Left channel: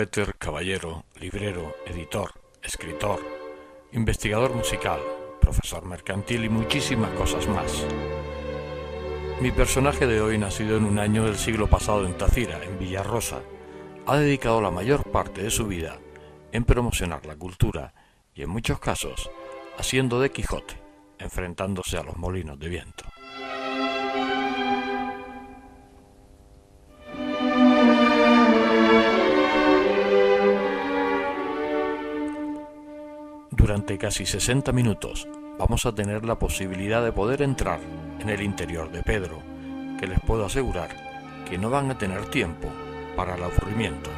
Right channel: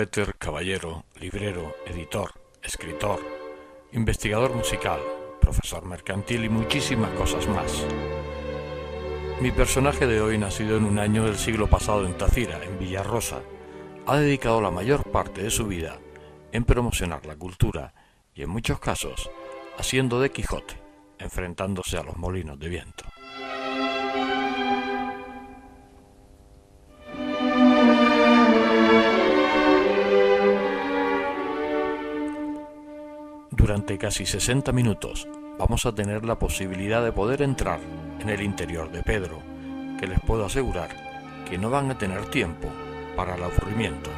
Éter, caballero, librero, editor, escritor, investigador musical, profesor mercantil y muchísimas cosas más. Mi personaje de hoy, nacido en un año del siglo pasado en Tafira, en Villarrosa, ha dedicado la mayor parte de su vida en promocionar la cultura y, en muchos casos, haciendo de Quijote, enfrentándose a los molinos de viento. Durante casi 60 minutos vamos a tener la posibilidad de poder entrar en el interior de Pedro, que les puedo asegurar que no van a tener tiempo para el aburrimiento.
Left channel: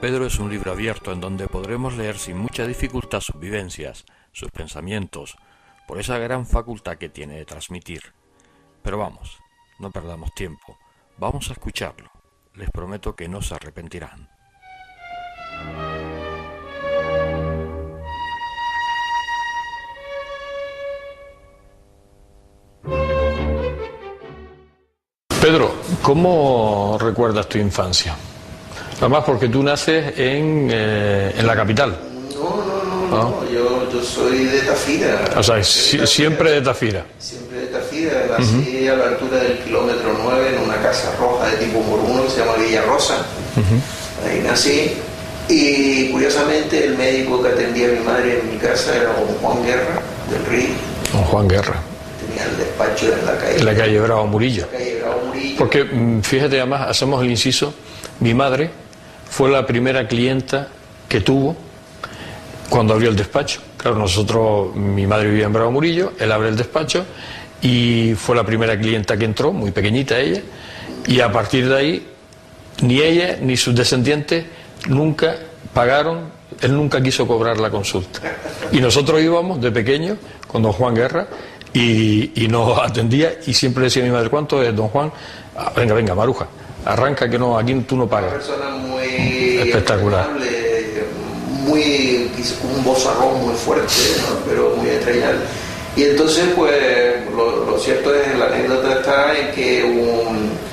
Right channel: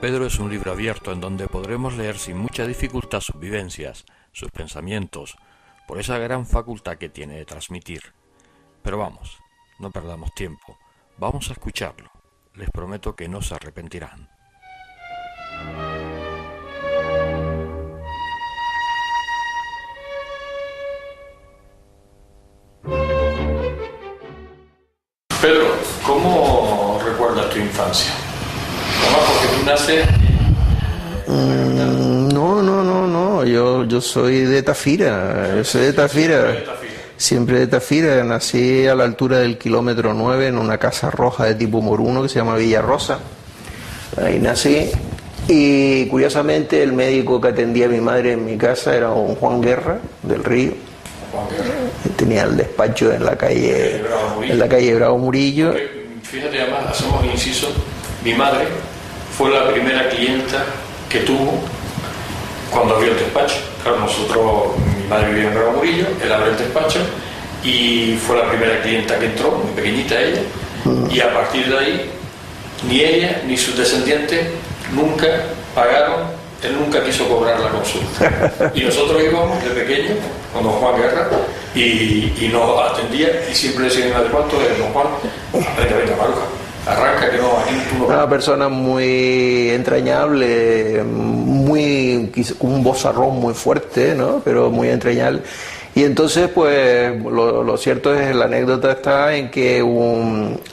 Pedro es un libro abierto en donde podremos leer sin mucha dificultad sus vivencias, sus pensamientos, por esa gran facultad que tiene de transmitir. Pero vamos, no perdamos tiempo, vamos a escucharlo. Les prometo que no se arrepentirán. Pedro, ¿cómo recuerdas tu infancia? Además, porque tú naces en la capital. No, yo soy de Tafira. O sea, soy de Tafira. Siempre de Tafira. Siempre de Tafira. Nací a la altura del kilómetro 9 en una casa roja de tipo moruno que se llama Villarrosa. Ahí nací. Y curiosamente el médico que atendía a mi madre en mi casa era don Juan Guerra del Río. Don Juan Guerra. Tenía el despacho en la calle. En la calle Bravo Murillo. En la calle Bravo Murillo. Porque, fíjate, además, hacemos el inciso, mi madre fue la primera clienta que tuvo cuando abrió el despacho. Claro, mi madre vivía en Bravo Murillo, él abre el despacho y fue la primera clienta que entró, muy pequeñita ella, y a partir de ahí, ni ella ni sus descendientes nunca pagaron, él nunca quiso cobrar la consulta. Y nosotros íbamos de pequeños con don Juan Guerra y nos atendía y siempre decía a mi madre, ¿cuánto es, don Juan? Venga, Maruja, arranca que no, aquí tú no pagas. Una persona muy entrañable, con un vozarrón muy fuerte, ¿no? Pero muy entrañable. Y entonces, pues, lo cierto es, la anécdota está en que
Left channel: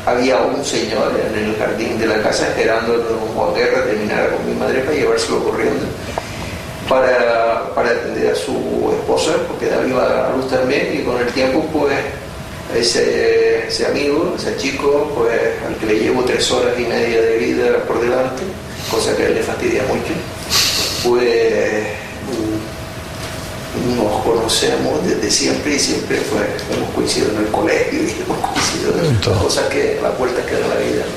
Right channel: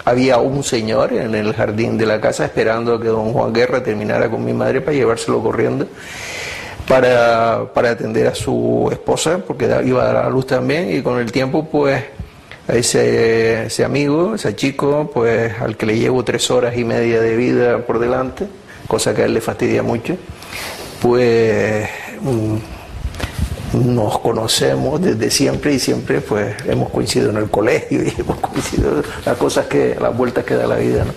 había un señor en el jardín de la casa esperando a que don Juan Guerra terminara con mi madre para llevárselo corriendo para atender a su esposa, porque iba a dar a luz también, y con el tiempo, pues, ese amigo, ese chico, pues, al que le llevo 3 horas y media de vida por delante, cosa que a él le fastidia mucho, pues nos conocemos desde siempre y siempre pues hemos coincidido en el colegio y hemos coincidido en las vueltas que da la vida, ¿no?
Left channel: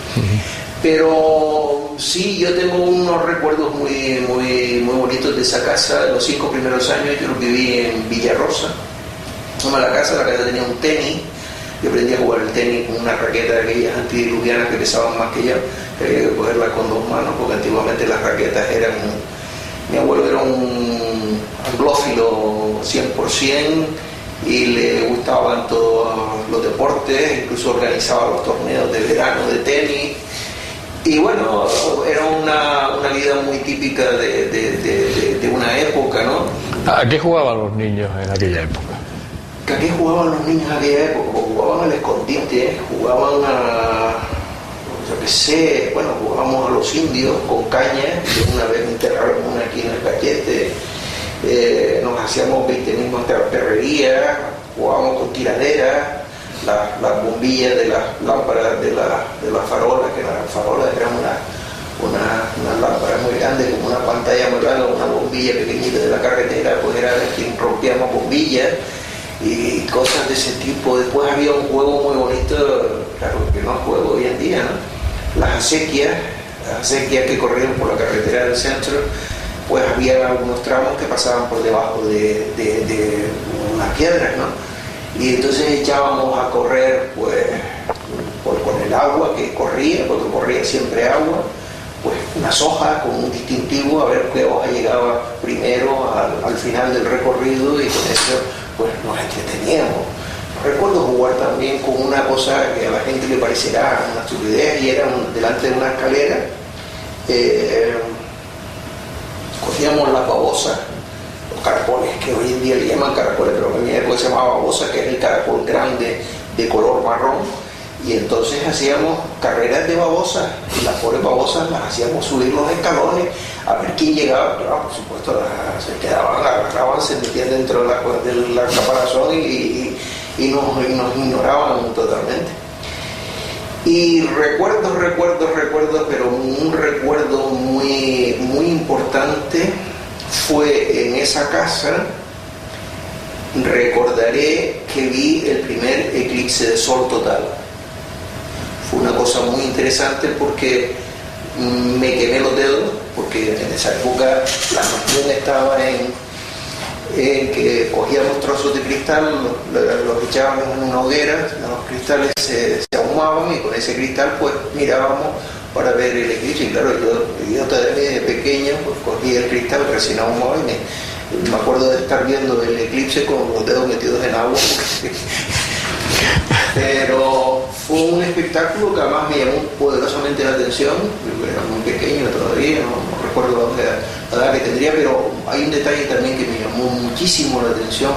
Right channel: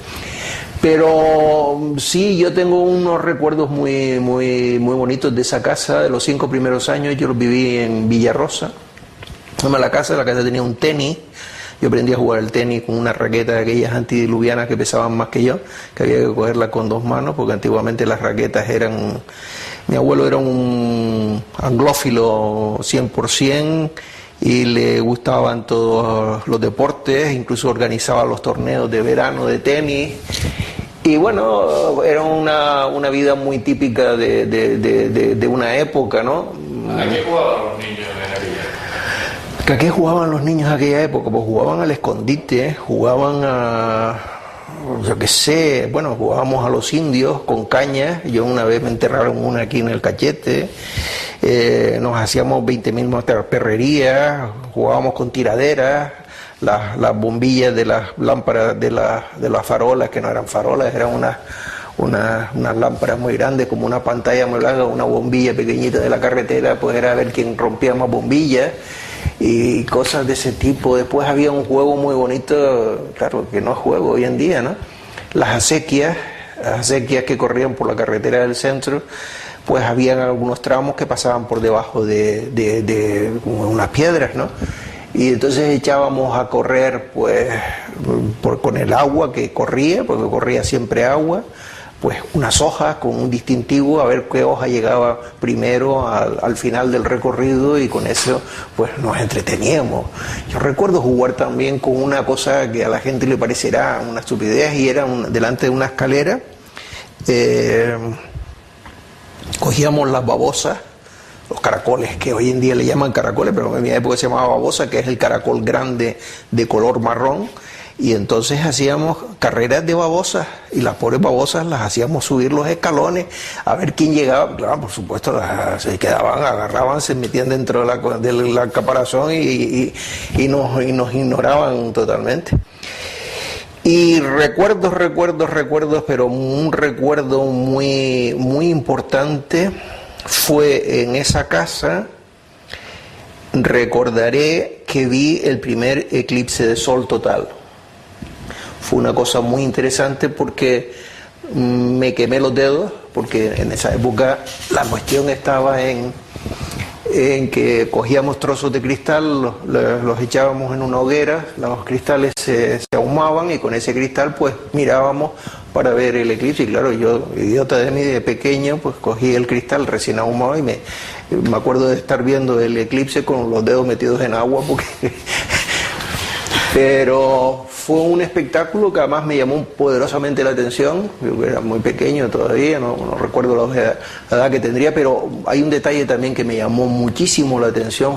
Pero sí, yo tengo unos recuerdos muy bonitos de esa casa. Los 5 primeros años yo los viví en Villarrosa. La casa tenía un tenis. Yo aprendí a jugar el tenis con una raqueta de aquellas antidiluvianas que pesaban más que yo, que había que cogerla con 2 manos, porque antiguamente las raquetas eran... Mi abuelo era un anglófilo 100% y le gustaban todos los deportes, incluso organizaba los torneos de verano de tenis. Y bueno, era una vida muy típica de una época, ¿no? ¿A qué jugaban los niños en aquella época? ¿A qué jugaban los niños en aquella época? Pues jugaban al escondite, jugaban a... yo qué sé, bueno, jugábamos a los indios con caña. Yo una vez me enterraron una aquí en el cachete, nos hacíamos 20.000 perrerías, jugábamos con tiraderas, las bombillas de las lámparas de las farolas, que no eran farolas, eran unas lámparas muy grandes, como una pantalla muy grande, una bombilla pequeñita de la carretera, pues era ver quién rompía más bombillas y cosas de ese tipo. Después había un juego muy bonito, claro que no es juego hoy en día, ¿no? Las acequias que corrían por la carretera del centro, pues había algunos tramos que pasaban por debajo de unas piedras, ¿no? Y entonces echábamos a correr, pues, con el agua que corría, porque corría siempre agua, pues unas hojas con un distintivo, a ver qué hoja llegaba primero al final del recorrido, y con eso pues nos entreteníamos. Yo recuerdo jugar también con una cosa que a la gente le parecerá una estupidez, y era delante de una escalera, cogíamos las babosas, los caracoles, que hoy en día le llaman caracoles, pero en mi época se llamaba babosa, que es el caracol grande de color marrón, y entonces hacíamos carreras de babosas, y las pobres babosas las hacíamos subir los escalones a ver quién llegaba. Claro, por supuesto, se quedaban, agarraban, se metían dentro del caparazón y nos ignoraban totalmente. Y recuerdos, pero un recuerdo muy, muy importante fue en esa casa. Recordaré que vi el primer eclipse de sol total. Fue una cosa muy interesante porque me quemé los dedos, porque en esa época la cuestión estaba en que cogíamos trozos de cristal, los echábamos en una hoguera, los cristales se ahumaban, y con ese cristal pues mirábamos para ver el eclipse. Y claro, yo, idiota de mí, de pequeño, pues cogí el cristal recién ahumado y me acuerdo de estar viendo el eclipse con los dedos metidos en agua, pero fue un espectáculo que además me llamó poderosamente la atención. Yo era muy pequeño todavía, no recuerdo la edad que tendría, pero hay un detalle también que me llamó muchísimo la atención.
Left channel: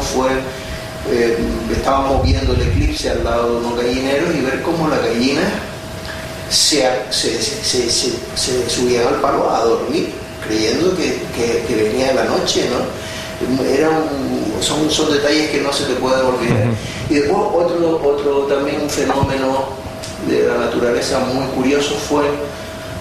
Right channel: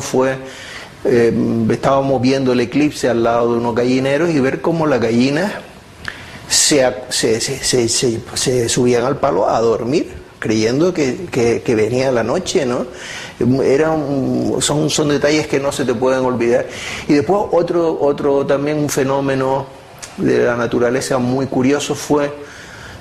Estábamos viendo el eclipse al lado de unos gallineros y ver cómo las gallinas se subían al palo a dormir, creyendo que venía la noche, ¿no? Son detalles que no se te pueden olvidar. Y después otro también un fenómeno de la naturaleza muy curioso fue,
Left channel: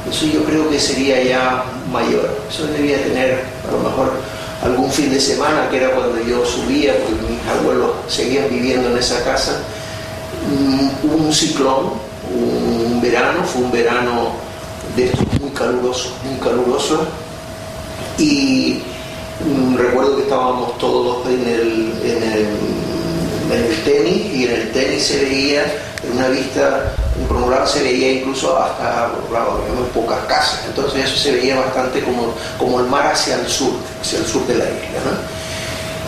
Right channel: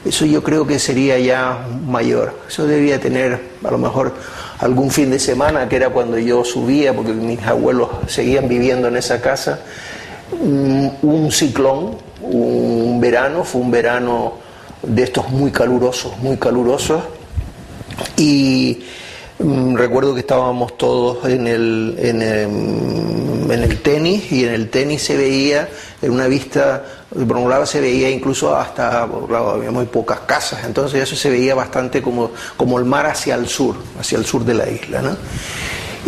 eso yo creo que sería ya mayor, eso debía tener a lo mejor algún fin de semana, que era cuando yo subía, porque mis abuelos seguían viviendo en esa casa. Un ciclón, fue un verano de estos muy calurosos, y recuerdo que estábamos todos en el tenis, y en el tenis se veía, en una vista por un lado se veía incluso hasta, claro, había muy pocas casas, entonces eso se veía bastante como el mar hacia el sur de la isla, ¿no?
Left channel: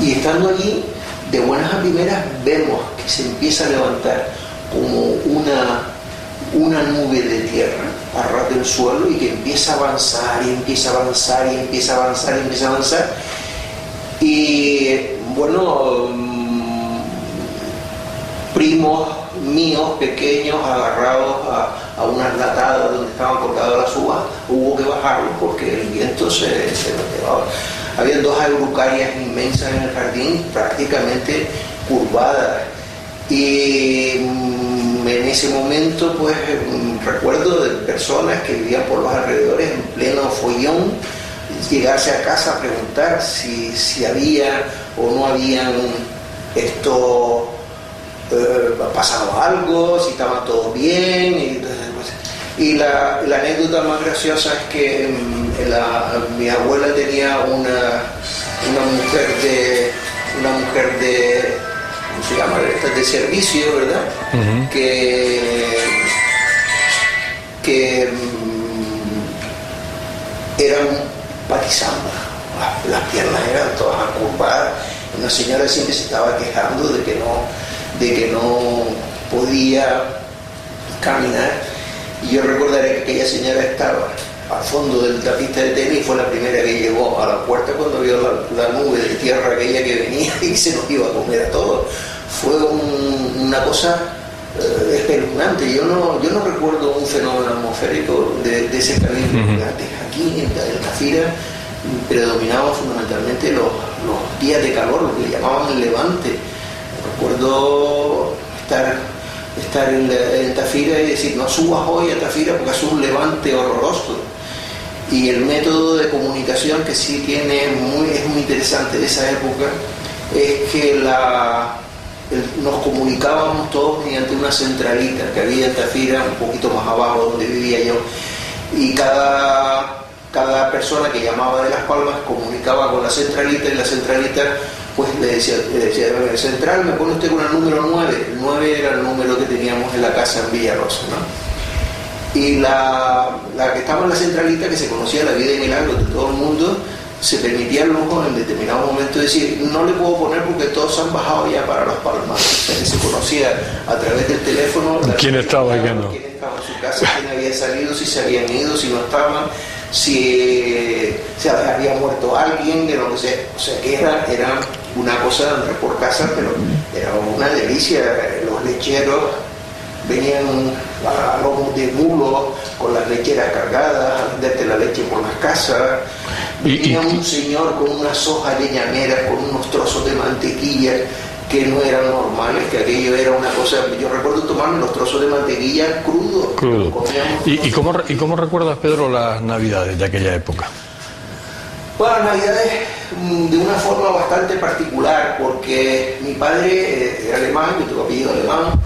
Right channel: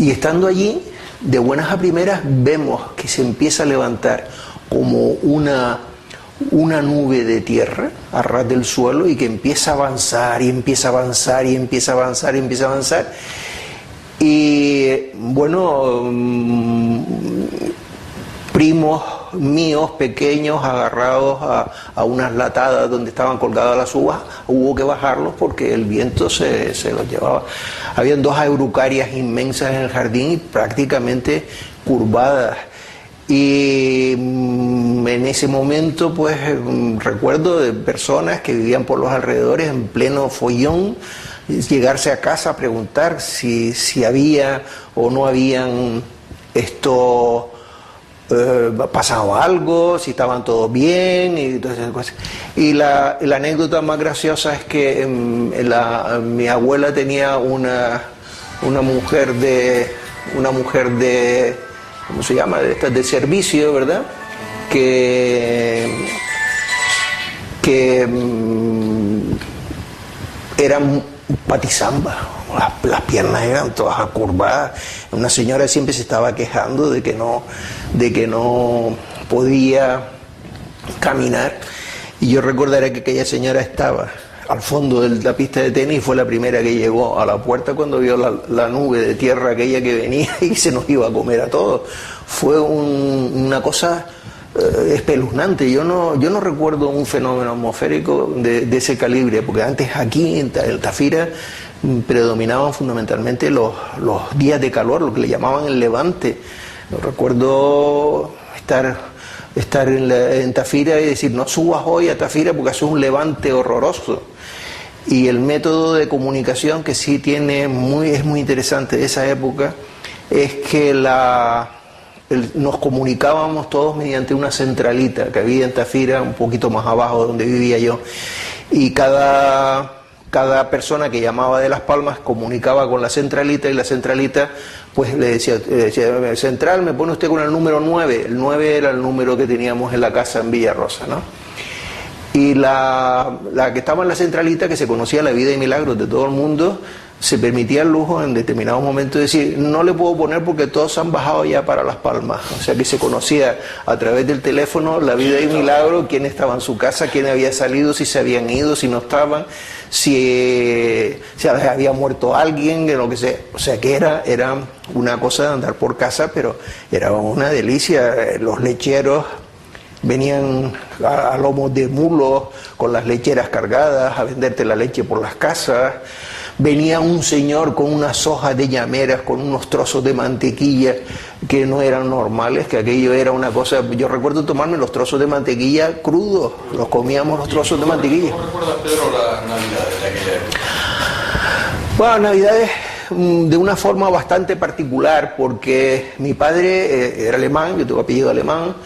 Y estando allí, de buenas a primeras vemos que se empieza a levantar como una nube de tierra a ras del suelo, y que empieza a avanzar y bueno, primos míos pequeños agarrados a unas latadas donde estaban colgadas las uvas, hubo que bajarlos porque el viento se las llevaba. Habían dos araucarias inmensas en el jardín, prácticamente curvadas, y en ese momento pues recuerdo de personas que vivían por los alrededores en pleno follón, llegarse a casa a preguntar si había o no habían pasado algo, si estaban todos bien. Y entonces, pues, la anécdota más graciosa es que mi abuela tenía una mujer de ¿cómo se llama? De servicio, ¿verdad? Uh-huh. que eran patizamba, las piernas eran todas acurvadas. Una señora siempre se estaba quejando de que no podía caminar, y yo recordaré que aquella señora estaba al fondo de la pista de tenis y fue la primera que llegó a la puerta cuando vio la nube de tierra aquella que venía y se nos iba a comer a todos. Fue una cosa espeluznante. Yo no recuerdo un fenómeno atmosférico de ese calibre, porque antes aquí en Tafira predominaban fundamentalmente los días de calor, lo que le llamaban el levante. Recuerdo estar en Tafira y decir, no subas hoy a Tafira porque hace un levante horroroso. Y el método de comunicación que sí es muy interesante de esa época, es que nos comunicábamos todos mediante una centralita que había en Tafira, un poquito más abajo donde vivía yo, y cada persona que llamaba de Las Palmas comunicaba con la centralita, y la centralita pues le decía, central, me pone usted con el número 9. El 9 era el número que teníamos en la casa en Villarrosa, ¿no? Y la que estaba en la centralita, que se conocía la vida y milagros de todo el mundo, se permitía el lujo en determinado momento de decir, no le puedo poner porque todos han bajado ya para Las Palmas. O sea que se conocía a través del teléfono la vida y milagros, quién estaba en su casa, quién había salido, si se habían ido, si no estaban, si se había muerto alguien, de lo que sea. O sea que era una cosa de andar por casa, pero era una delicia. Los lecheros venían a lomos de mulos con las lecheras cargadas a venderte la leche por las casas. Venía un señor con unas hojas de llameras, con unos trozos de mantequilla que no eran normales, que aquello era una cosa. Yo recuerdo tomarme los trozos de mantequilla crudos, los comíamos los trozos de mantequilla. ¿Y cómo recuerdas, Pedro, las navidades de aquella época? Bueno, navidades de una forma bastante particular, porque mi padre era alemán, yo tengo apellido alemán,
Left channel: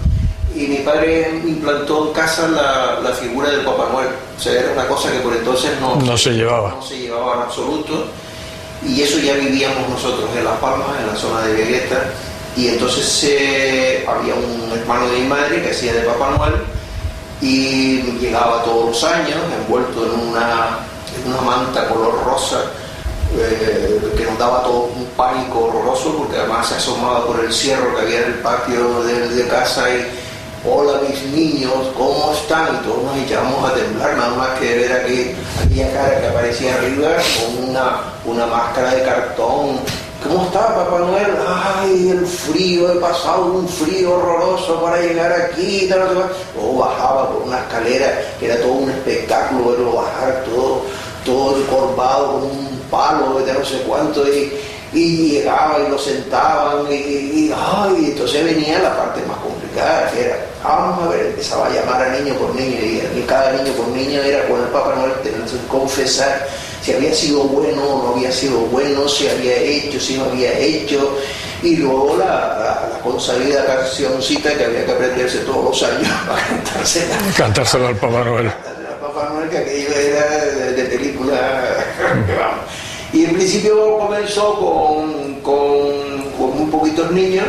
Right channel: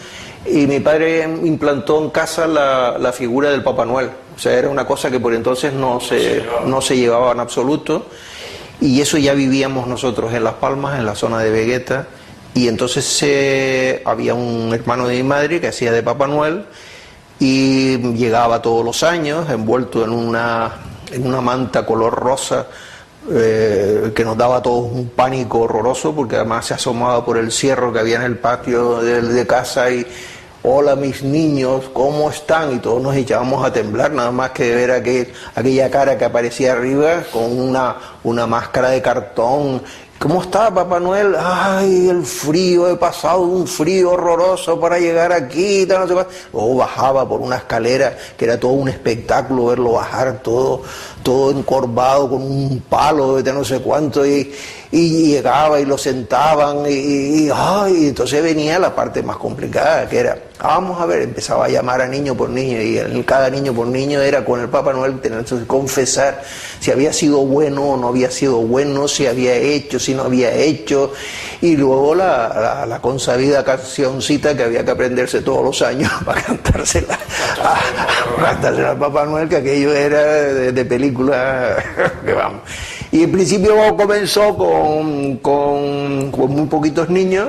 y mi padre implantó en casa la figura del Papá Noel. O sea, era una cosa que por entonces no se llevaba en absoluto, y eso ya vivíamos nosotros en Las Palmas, en la zona de Vegueta, y entonces había un hermano de mi madre que hacía de Papá Noel, y llegaba todos los años envuelto en una manta color rosa, que nos daba a todos un pánico horroroso, porque además se asomaba por el cierro que había en el patio de casa y hola mis niños, ¿cómo están? Y todos nos echábamos a temblar nada más que de ver aquella cara que aparecía arriba con una máscara de cartón. ¿Cómo está Papá Noel? Ay, el frío, he pasado un frío horroroso para llegar aquí, tal, no sé cuál. O bajaba por una escalera que era todo un espectáculo verlo bajar todo encorvado con un palo de no sé cuánto, y llegaba y lo sentaban y entonces venía la parte más complicada, que era, vamos a ver, empezaba a llamar a niño por niño, y cada niño por niño era con el Papá Noel tener que confesar si había sido bueno o no había sido bueno, si había hecho, si no había hecho, y luego la consabida cancioncita que había que aprenderse todos los años para cantársela al Papá Noel, que aquello era de película. Vamos. Y en principio comenzó con muy poquitos niños,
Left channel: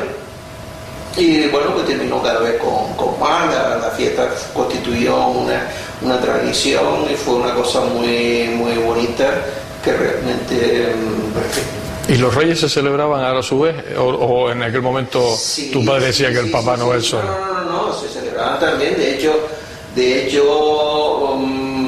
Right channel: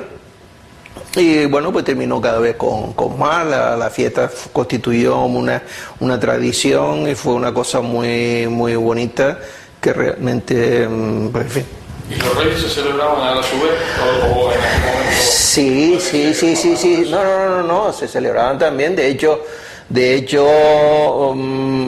y bueno, pues terminó cada vez con más. La fiesta constituyó una tradición y fue una cosa muy, muy bonita que realmente, pues, en fin. ¿Y los reyes se celebraban a su vez? ¿O en aquel momento tu padre decía que el Papá Noel? No, se celebraban también. De hecho,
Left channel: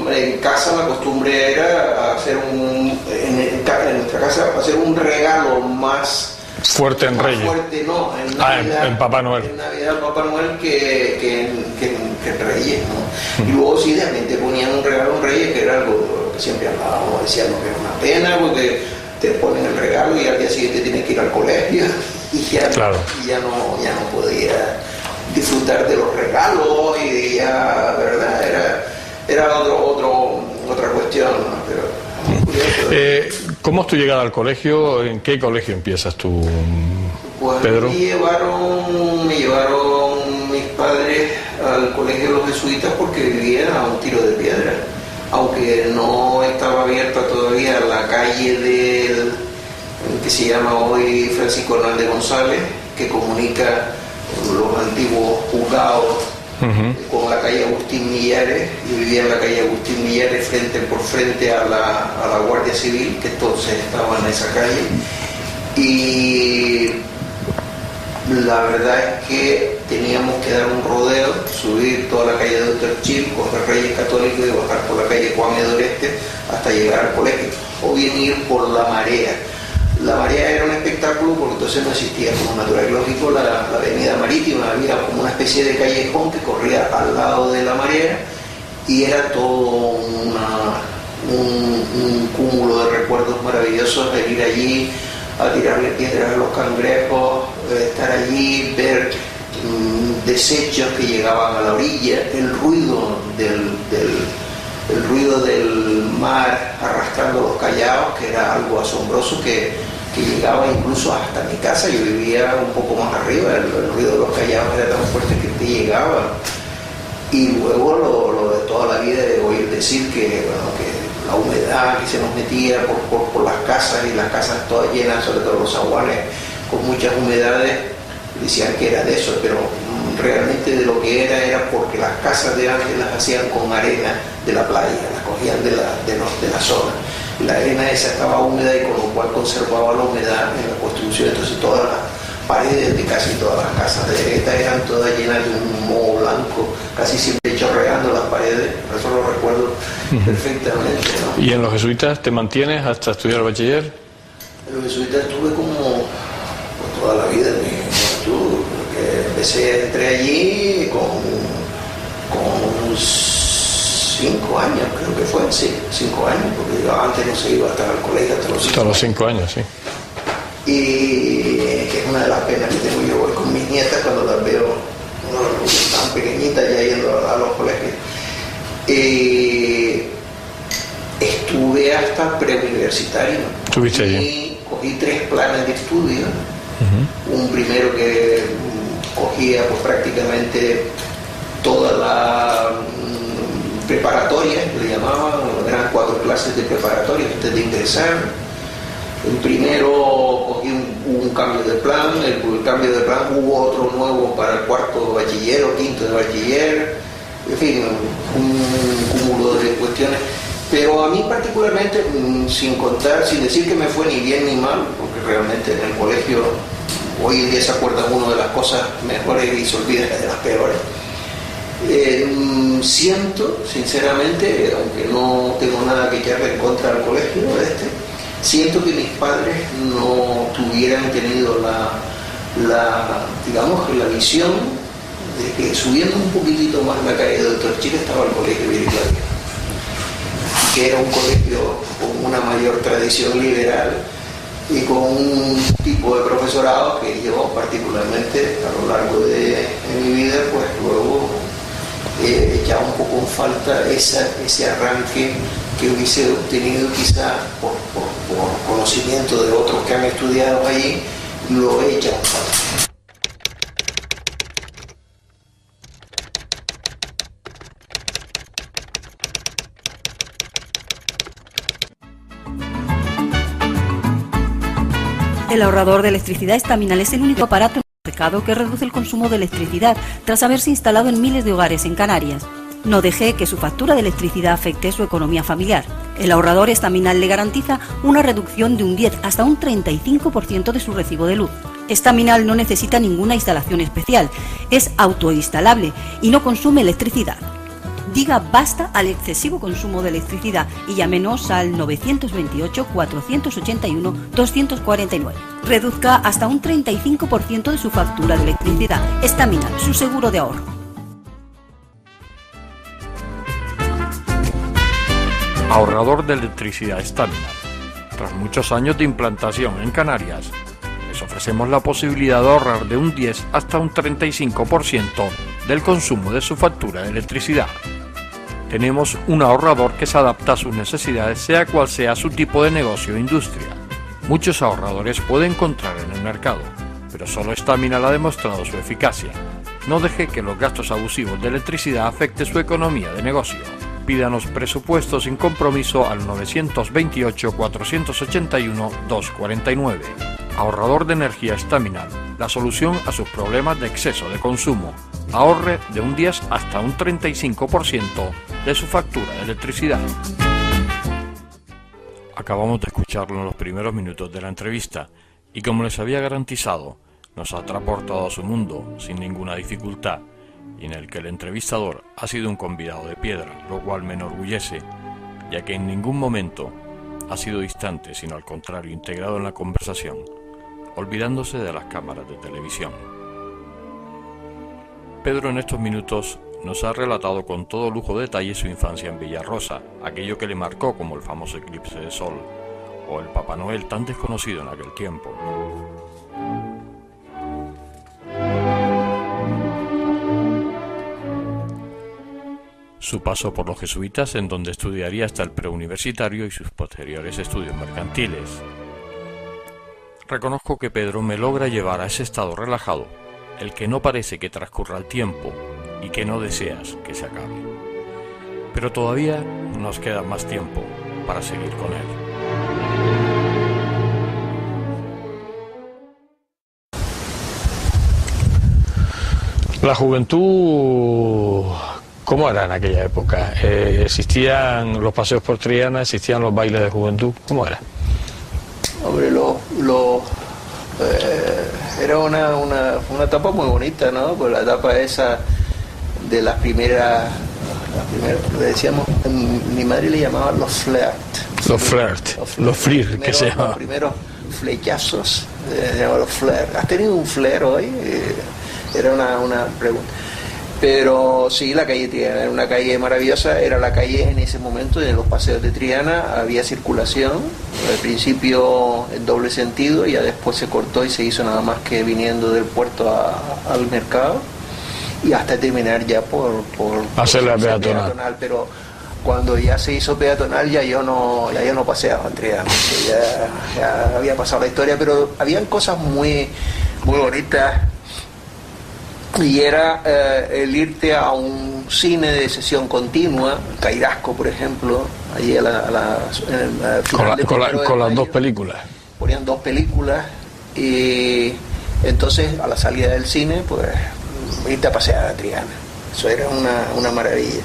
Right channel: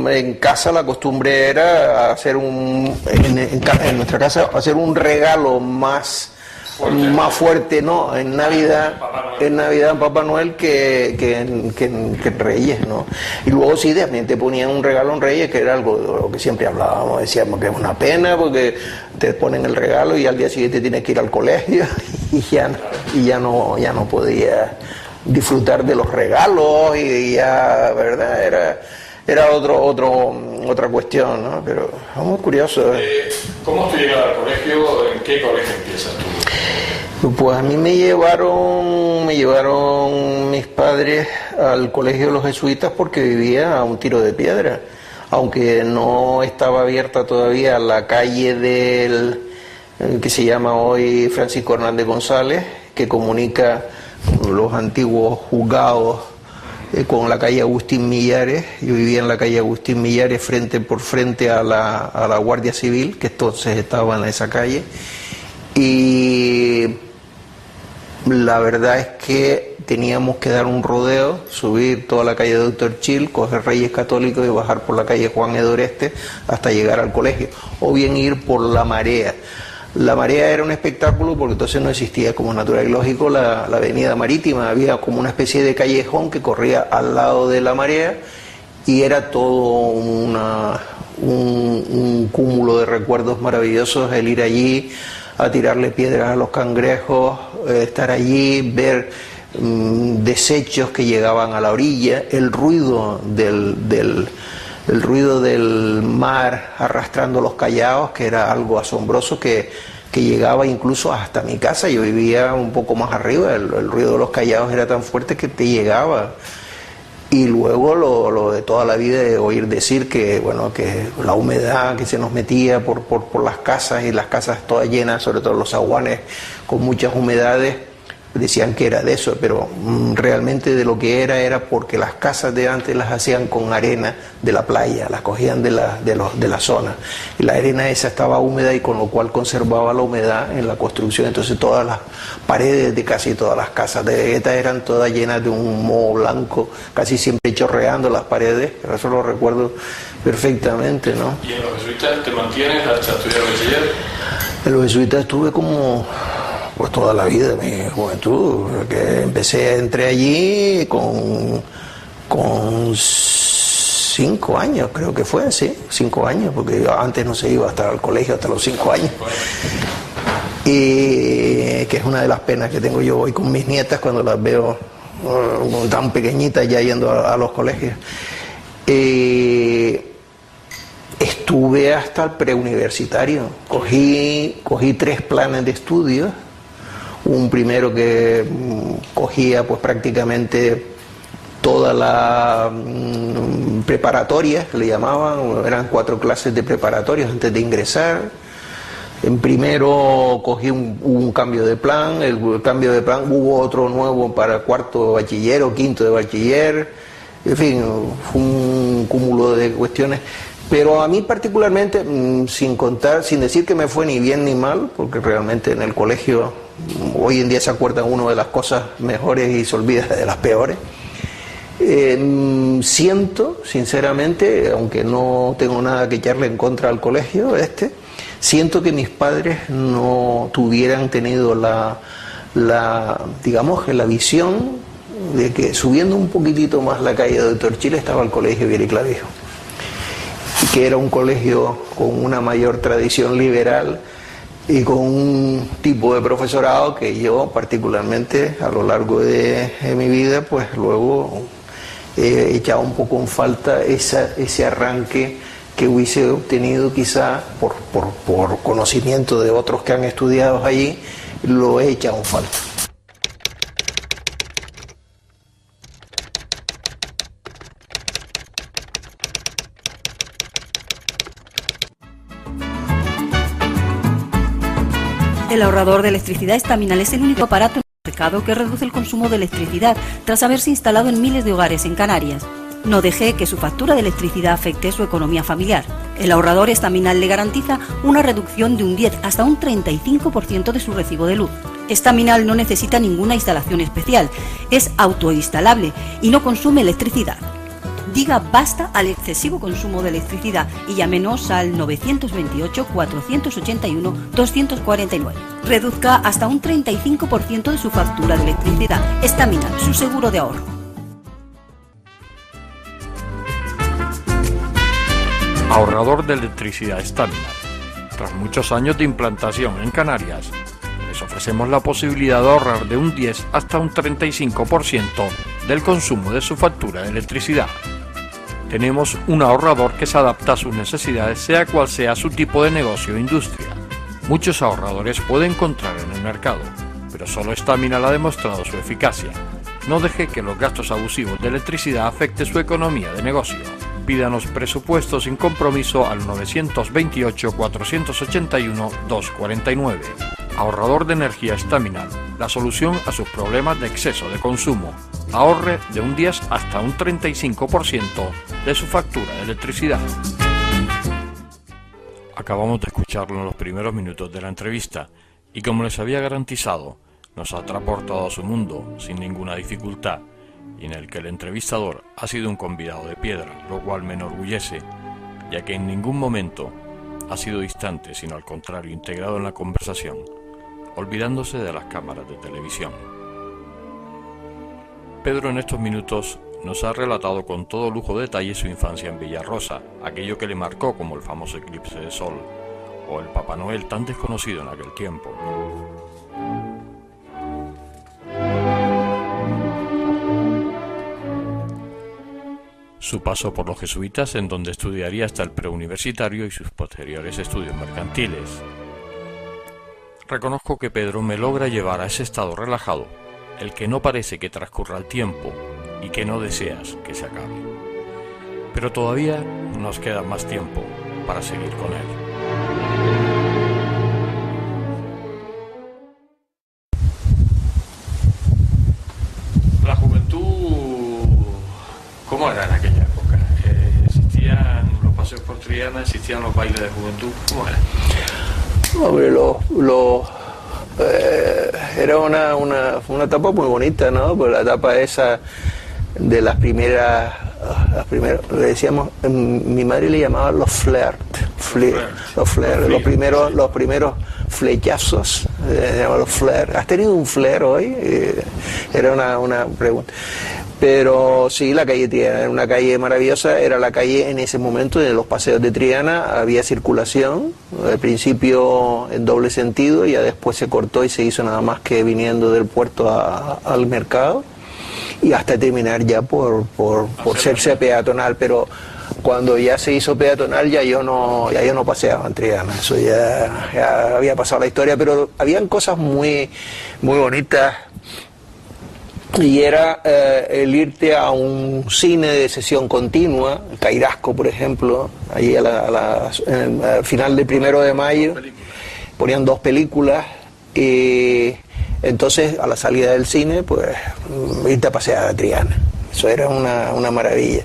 en casa la costumbre era hacer en nuestra casa hacer un regalo más fuerte, ¿no? En Navidad, en Papá Noel. En Navidad en Papá Noel que en Reyes, ¿no? Y luego sí, también te ponían un regalo en Reyes, que era algo que siempre hablábamos, decíamos que es una pena, porque te ponen el regalo y al día siguiente tienes que ir al colegio y ya no podía disfrutar de los regalos, y ya, ¿verdad? Era otra cuestión, ¿no? Pero es muy curioso. ¿Cómo es tu llegada al colegio? ¿En qué colegio empiezas tú? Pues a mí me llevaron mis padres al colegio de los jesuitas porque vivía a un tiro de piedra, aunque no estaba abierta todavía la calle que se llama hoy Francisco Hernández González, que comunica los antiguos juzgados con la calle Agustín Millares. Yo vivía en la calle Agustín Millares por frente a la Guardia Civil, que entonces estaba en esa calle, y la verdad es que teníamos que dar un rodeo, subir toda la calle Doctor Chil, coger Reyes Católicos y bajar por la calle Juan Edoreste hasta llegar al colegio, o bien ir por la Marea. La Marea era un espectáculo porque entonces no existía como natural y lógico la avenida marítima, había como una especie de callejón que corría al lado de la Marea, y era todo un cúmulo de recuerdos maravillosos el ir allí a tirarle piedras a los cangrejos, estar allí, ver desechos que llegaban a la orilla, el ruido del mar arrastrando los callados, que era algo asombroso que llegaba incluso hasta mi casa. Yo vivía un poco más arriba, el ruido de los callados era tan fuerte que te llegaba. Y luego lo de toda la vida, de oír decir que la humedad que se nos metía por las casas, y las casas todas llenas, sobre todo los zaguanes con muchas humedades, decían que era de eso, pero realmente de lo que era porque las casas de antes las hacían con arena de la playa, las cogían de la zona, y la arena esa estaba húmeda, y con lo cual conservaba la humedad en la construcción. Entonces todas las paredes de casi todas las casas de Vegueta eran todas llenas de un moho blanco, casi siempre chorreando las paredes. Eso lo recuerdo perfectamente, ¿no? ¿Y en los jesuitas te mantienes hasta estudiar bachiller? En los jesuitas estuve como pues toda la vida de mi juventud, porque entré allí con 5 años, creo que fue, sí, 5 años, porque yo antes no se iba hasta el colegio hasta los 5 años. 5 años, sí. Y que es una de las penas que tengo yo hoy con mis nietas cuando las veo tan pequeñitas ya yendo a los colegios. Estuve hasta el preuniversitario, cogí 3 planes de estudio. Un primero que cogía pues prácticamente toda la preparatoria, le llamaban, eran 4 clases de preparatoria antes de ingresar. En primero cogí un cambio de plan, el cambio de plan hubo otro nuevo para el 4º de bachiller o 5º de bachiller, en fin, un cúmulo de cuestiones. Pero a mí particularmente, sin decir que me fue ni bien ni mal, porque realmente en el colegio hoy en día se acuerda uno de las cosas mejores y se olvida de las peores. Siento, sinceramente, aunque no tengo nada que echarle en contra al colegio siento que mis padres no tuvieran tenido digamos, la visión de que subiendo un poquitito más la calle de Doctor Chile estaba el colegio Viriclavio, que era un colegio con una mayor tradición liberal y con un tipo de profesorado que yo particularmente a lo largo de mi vida pues luego he echado un poco en falta ese arranque que hubiese obtenido quizá por conocimiento de otros que han estudiado allí, lo he echado en falta. El ahorrador de electricidad Estaminal es el único aparato en el mercado que reduce el consumo de electricidad tras haberse instalado en miles de hogares en Canarias. No deje que su factura de electricidad afecte su economía familiar. El ahorrador Estaminal le garantiza una reducción de un 10 hasta un 35% de su recibo de luz. Estaminal no necesita ninguna instalación especial, es autoinstalable y no consume electricidad. Diga basta al excesivo consumo de electricidad y llámenos al 928-481-249. Reduzca hasta un 35% de su factura de electricidad. Estaminal, su seguro de ahorro. Ahorrador de electricidad Estaminal. Tras muchos años de implantación en Canarias, les ofrecemos la posibilidad de ahorrar de un 10 hasta un 35% del consumo de su factura de electricidad. Tenemos un ahorrador que se adapta a sus necesidades, sea cual sea su tipo de negocio o industria. Muchos ahorradores puede encontrar en el mercado, pero solo Estaminal ha demostrado su eficacia. No deje que los gastos abusivos de electricidad afecten su economía de negocio. Pídanos presupuesto sin compromiso al 928-481-249. Ahorrador de energía Estaminal, la solución a sus problemas de exceso de consumo. Ahorre de un 10 hasta un 35% de su factura de electricidad. Acabamos de escucharlo en los primeros minutos de la entrevista y, como les había garantizado, nos ha transportado a su mundo sin ninguna dificultad, y en el que el entrevistador ha sido un convidado de piedra, lo cual me enorgullece, ya que en ningún momento ha sido distante, sino al contrario, integrado en la conversación, olvidándose de las cámaras de televisión. Pedro en estos minutos nos ha relatado con todo lujo de detalle su infancia en Villarrosa, aquello que le marcó como el famoso eclipse de sol, o el Papá Noel tan desconocido en aquel tiempo. Su paso por los jesuitas, en donde estudiaría hasta el preuniversitario, y sus posteriores estudios mercantiles. Reconozco que Pedro me logra llevar a ese estado relajado, el que no parece que transcurra el tiempo y que no deseas que se acabe. Pero todavía nos queda más tiempo para seguir con él. La juventud, ¿cómo era en aquella época? ¿Existían los paseos por Triana? ¿Existían los bailes de juventud? ¿Cómo era? Hombre, era una etapa muy bonita, ¿no? Pues la etapa esa de las primeras, le decíamos, mi madre le llamaba los flirt. Los flirt. Los primeros flechazos se llama los flares. ¿Has tenido un flare hoy? Era una pregunta. Pero sí, la calle Triana era una calle maravillosa, era la calle en ese momento de los paseos de Triana, había circulación, al principio en doble sentido, y ya después se cortó y se hizo nada más que viniendo del puerto al mercado, y hasta terminar ya por ser peatonal, pero cuando ya se hizo peatonal ya yo no paseaba en Triana, eso ya había pasado la historia, pero habían cosas muy, muy bonitas. Y era el irte a un cine de sesión continua, Cairasco, por ejemplo, allí al final del 1 de mayo. Ponían 2 películas y entonces a la salida del cine, pues irte a pasear a Triana. Eso era una maravilla.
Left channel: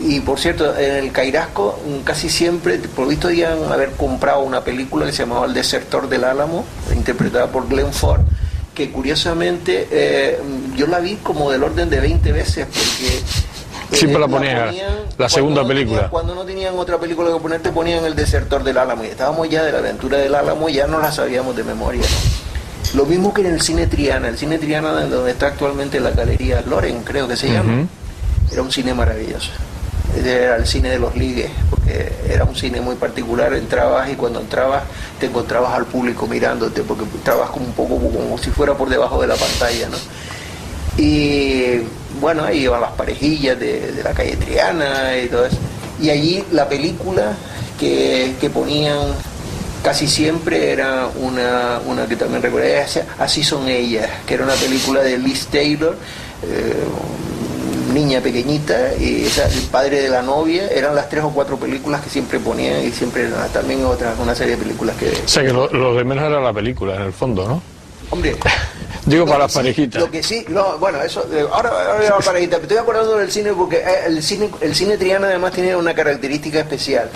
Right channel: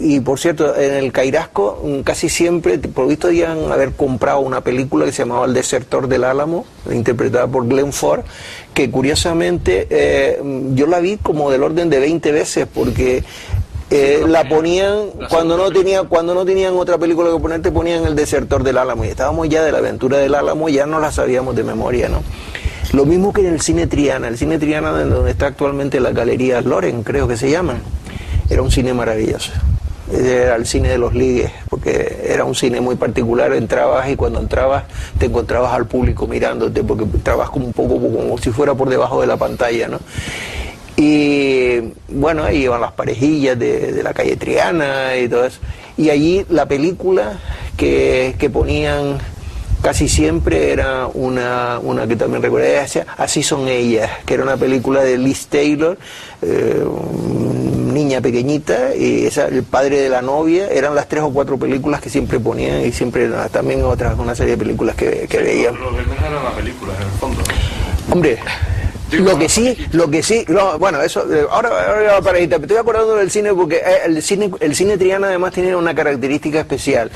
Y por cierto, en el Cairasco casi siempre, por lo visto, habían haber comprado una película que se llamaba El Desertor del Álamo, interpretada por Glenn Ford, que curiosamente yo la vi como del orden de 20 veces porque la ponían cuando no tenían otra película que poner, te ponían El Desertor del Álamo y estábamos ya de la aventura del Álamo, ya no la sabíamos de memoria, ¿no? Lo mismo que en el Cine Triana, donde está actualmente la Galería Loren, creo que se llama, era un cine maravilloso. Era el cine de los ligues, porque era un cine muy particular, entrabas y cuando entrabas te encontrabas al público mirándote, porque entrabas como un poco como si fuera por debajo de la pantalla, ¿no? Y bueno, ahí iban las parejillas de la calle Triana y todo eso. Y allí la película que ponían casi siempre era una que también recordé, Así son ellas, que era una película de Liz Taylor, niña pequeñita, y el padre de la novia. Eran las 3 o 4 películas que siempre ponían, y siempre eran también una serie de películas que lo de menos era la película, en el fondo, ¿no? Hombre, bueno, eso, ahora la parejita, me estoy acordando del cine porque el cine Triana además tiene una característica especial,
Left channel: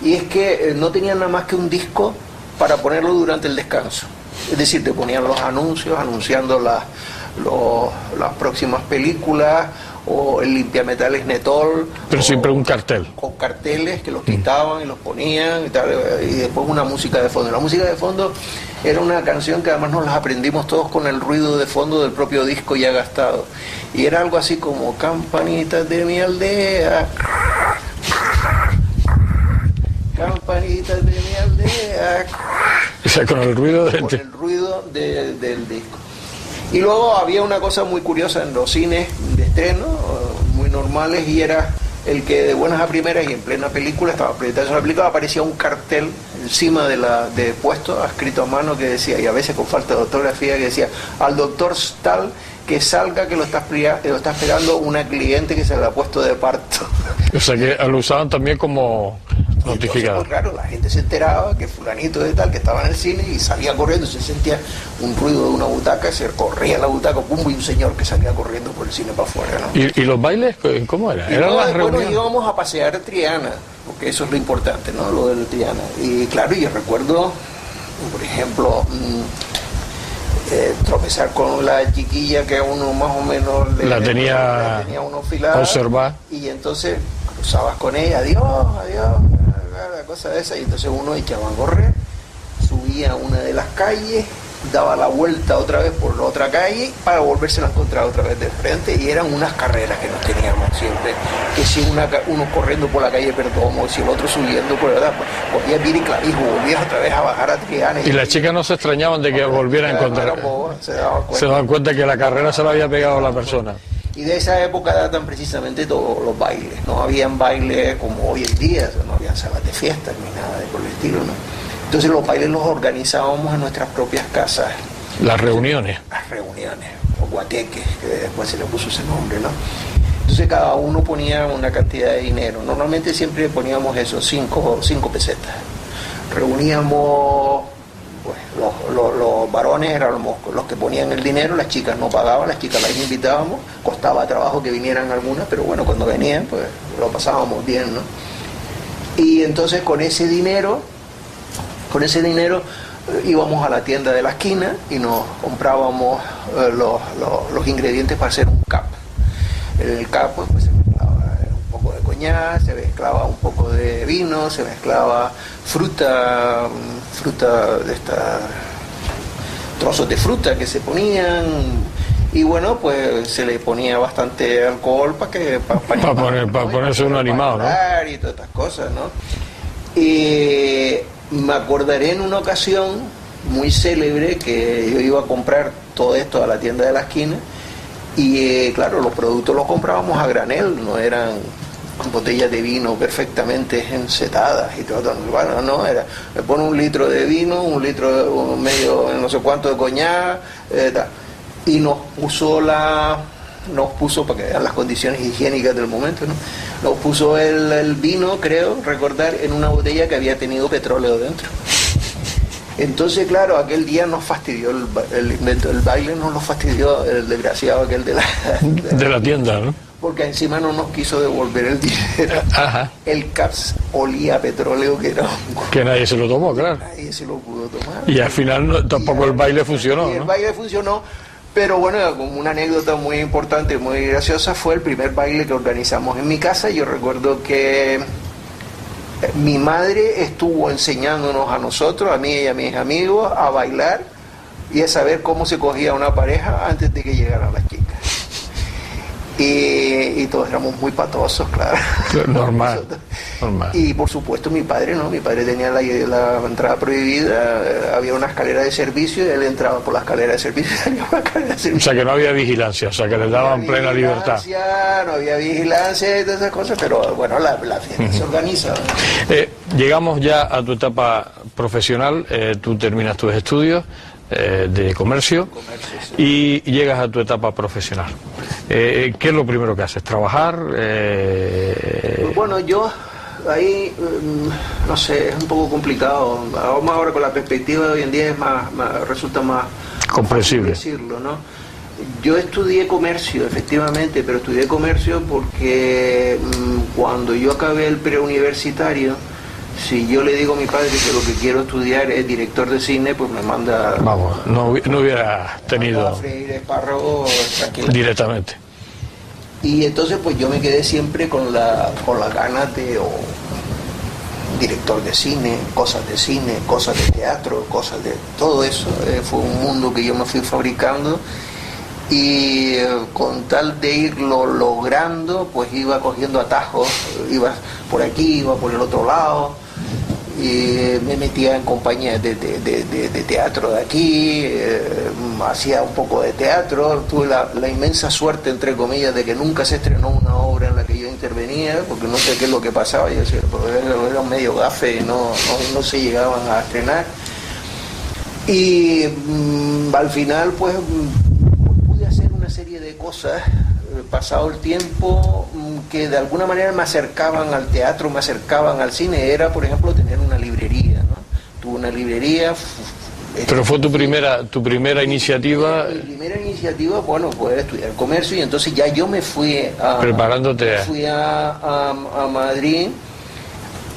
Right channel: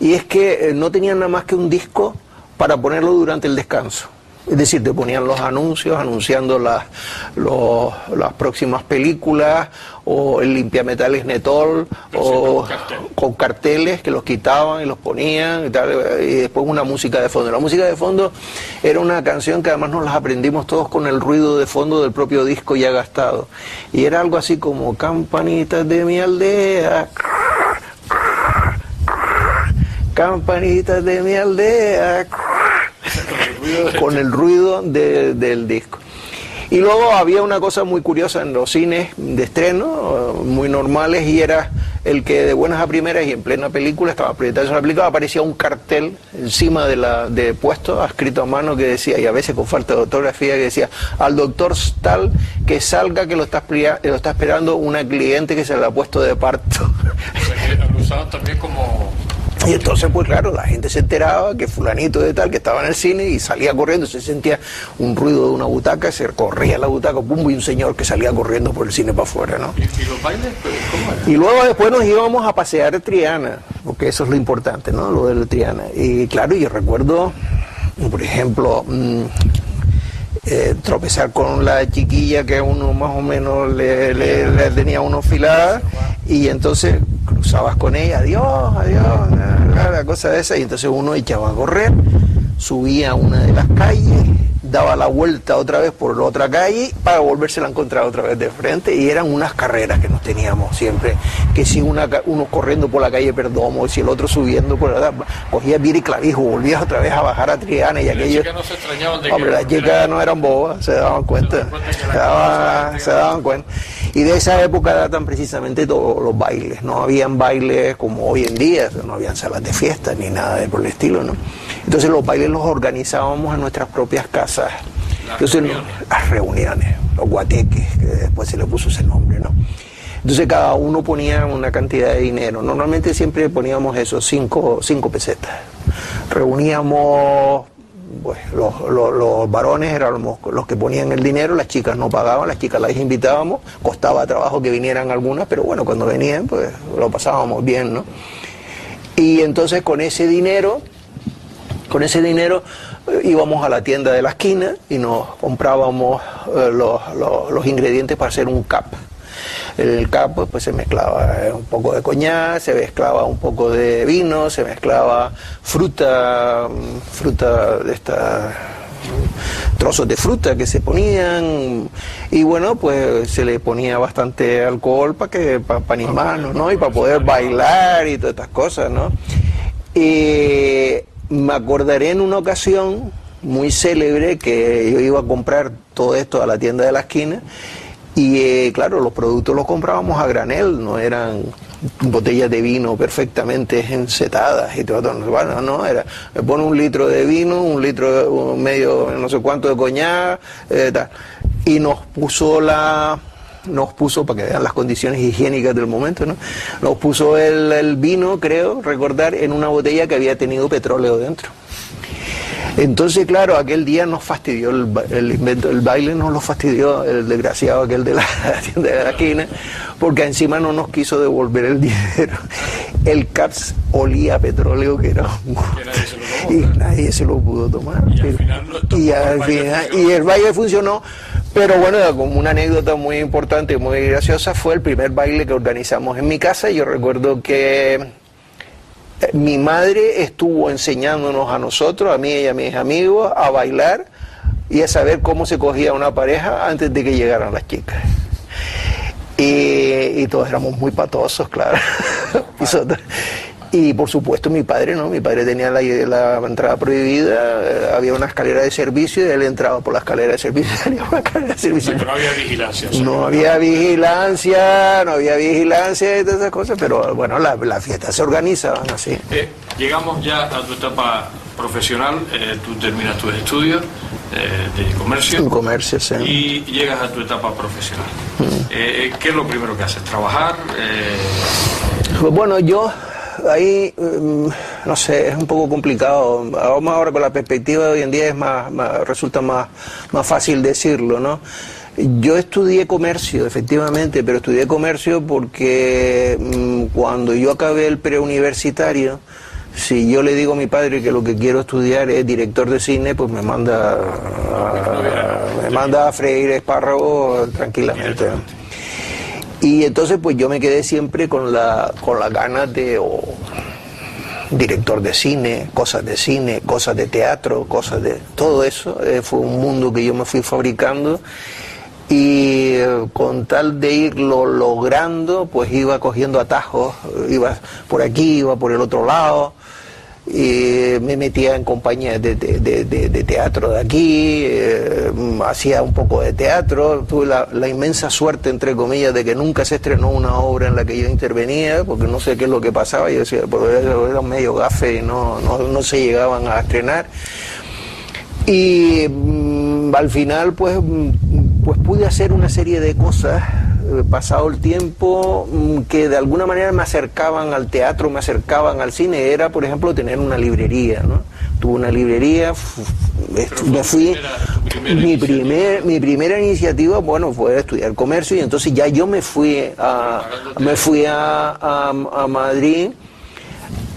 y es que no tenían nada más que un disco para ponerlo durante el descanso. Es decir, te ponían los anuncios anunciando las próximas películas, o el limpiametales Netol, pero siempre un cartel, con carteles que los quitaban y los ponían y tal, y después una música de fondo. La música de fondo era una canción que además nos las aprendimos todos con el ruido de fondo del propio disco ya gastado, y era algo así como campanitas de mi aldea, campanitas de mi aldea, o sea, con el ruido del disco. Y luego había una cosa muy curiosa en los cines de estreno, muy normales, y era el que de buenas a primeras y en plena película, estaba proyectando la película, aparecía un cartel encima de puesto, escrito a mano, que decía, y a veces con falta de ortografía, que decía: al doctor tal que salga, que lo está esperando una cliente que se le ha puesto de parto. O sea que lo usaban también como... Y entonces, pues claro, la gente se enteraba que fulanito de tal, que estaba en el cine, y salía corriendo, se sentía un ruido de una butaca, se corría la butaca, pum, y un señor que salía corriendo por el cine para afuera, ¿no? ¿Y los bailes, cómo era? Y luego después nos íbamos a pasear a Triana, porque eso es lo importante, ¿no? Lo de la Triana. Y claro, yo recuerdo, por ejemplo, tropezar con la chiquilla que a uno más o menos le tenía uno filada, y entonces cruzabas con ella, adiós, la cosa de esa, y entonces uno echaba a correr, subía a una de las calles, daba la vuelta otra vez por la otra calle para volverse a encontrar otra vez de frente, y eran unas carreras que nos teníamos siempre, que si uno corriendo por la calle Perdomo, y si el otro subiendo por la cogía Viri Clavijo, volvías otra vez a bajar a Triana. Y las chicas no se extrañaban de que volvieran, no eran bobas, se daban cuenta que la carrera se la había pegado a la persona. Y de esa época datan precisamente todos los bailes. No habían bailes como hoy en día, no habían salas de fiesta ni nada de por el estilo, ¿no? Entonces los bailes los organizábamos en nuestras propias casas. Las reuniones, los guateques, que después se le puso ese nombre, ¿no? Entonces cada uno ponía una cantidad de dinero. Normalmente siempre poníamos eso, 5 pesetas. Reuníamos, pues los varones eran los que ponían el dinero, las chicas no pagaban, las chicas las invitábamos, costaba trabajo que vinieran algunas, pero bueno, cuando venían, pues lo pasábamos bien, ¿no? Y entonces con ese dinero íbamos a la tienda de la esquina y nos comprábamos los ingredientes para hacer un cap. El cap pues se mezclaba un poco de coñac, se mezclaba un poco de vino, se mezclaba fruta de esta trozos de fruta que se ponían, y bueno, pues se le ponía bastante alcohol para animar, ¿no? Y para poder bailar, ¿no? Y todas estas cosas, ¿no? Me acordaré en una ocasión muy célebre que yo iba a comprar todo esto a la tienda de la esquina, y claro, los productos los comprábamos a granel, no eran botellas de vino perfectamente encetadas y todo. Bueno, no, era, me pone 1 litro de vino, 1 litro medio, no sé cuánto de coñac, y nos puso, para que vean las condiciones higiénicas del momento, ¿no? Nos puso el vino, creo recordar, en una botella que había tenido petróleo dentro. Entonces, claro, aquel día nos fastidió el invento, el baile nos lo fastidió el desgraciado aquel de la tienda, ¿no? Porque encima no nos quiso devolver el dinero. Ajá. El CAPS olía a petróleo que nadie se lo tomó, claro. Nadie se lo pudo tomar. Y al final tampoco el baile funcionó. Y el baile funcionó, pero bueno, como una anécdota muy importante, muy graciosa, fue el primer baile que organizamos en mi casa. Yo recuerdo que mi madre estuvo enseñándonos a nosotros, a mí y a mis amigos, a bailar y a saber cómo se cogía una pareja antes de que llegaran las chicas. Y todos éramos muy patosos, claro. Normal. Y por supuesto mi padre, ¿no? Mi padre tenía la entrada prohibida, había una escalera de servicio y él entraba por la escalera de servicio y salía por la escalera de servicio. O sea que no había vigilancia. O sea, no había vigilancia y todas esas cosas, pero bueno, la fiesta se organiza. Llegamos ya a tu etapa profesional, tú terminas tus estudios de comercio, sí. Y llegas a tu etapa profesional. ¿Qué es lo primero que haces? ¿Trabajar? Bueno, yo ahí, no sé, es un poco complicado. Vamos ahora con la perspectiva de hoy en día, resulta más fácil decirlo, ¿no? Yo estudié comercio, efectivamente, pero estudié comercio porque cuando yo acabé el preuniversitario, si yo le digo a mi padre que lo que quiero estudiar es director de cine, pues me manda, manda a freír espárragos tranquilamente. Directamente. Y entonces pues yo me quedé siempre con la ganas de director de cine, cosas de teatro, cosas de todo eso. Fue un mundo que yo me fui fabricando. Y con tal de irlo logrando, pues iba cogiendo atajos, iba por aquí, iba por el otro lado, y me metía en compañías de teatro de aquí, hacía un poco de teatro. Tuve la inmensa suerte, entre comillas, de que nunca se estrenó una obra en la que yo intervenía, porque no sé qué es lo que pasaba. Yo decía, pero era medio gafe y no se llegaban a estrenar. Y al final, pues pude hacer una serie de cosas, pasado el tiempo, que de alguna manera me acercaban al teatro, me acercaban al cine. Era, por ejemplo, tener una librería, ¿no? Tuve una librería. ¿Pero fue tu primera iniciativa? Mi primera iniciativa, bueno, fue estudiar comercio, y entonces ya yo me fui a Madrid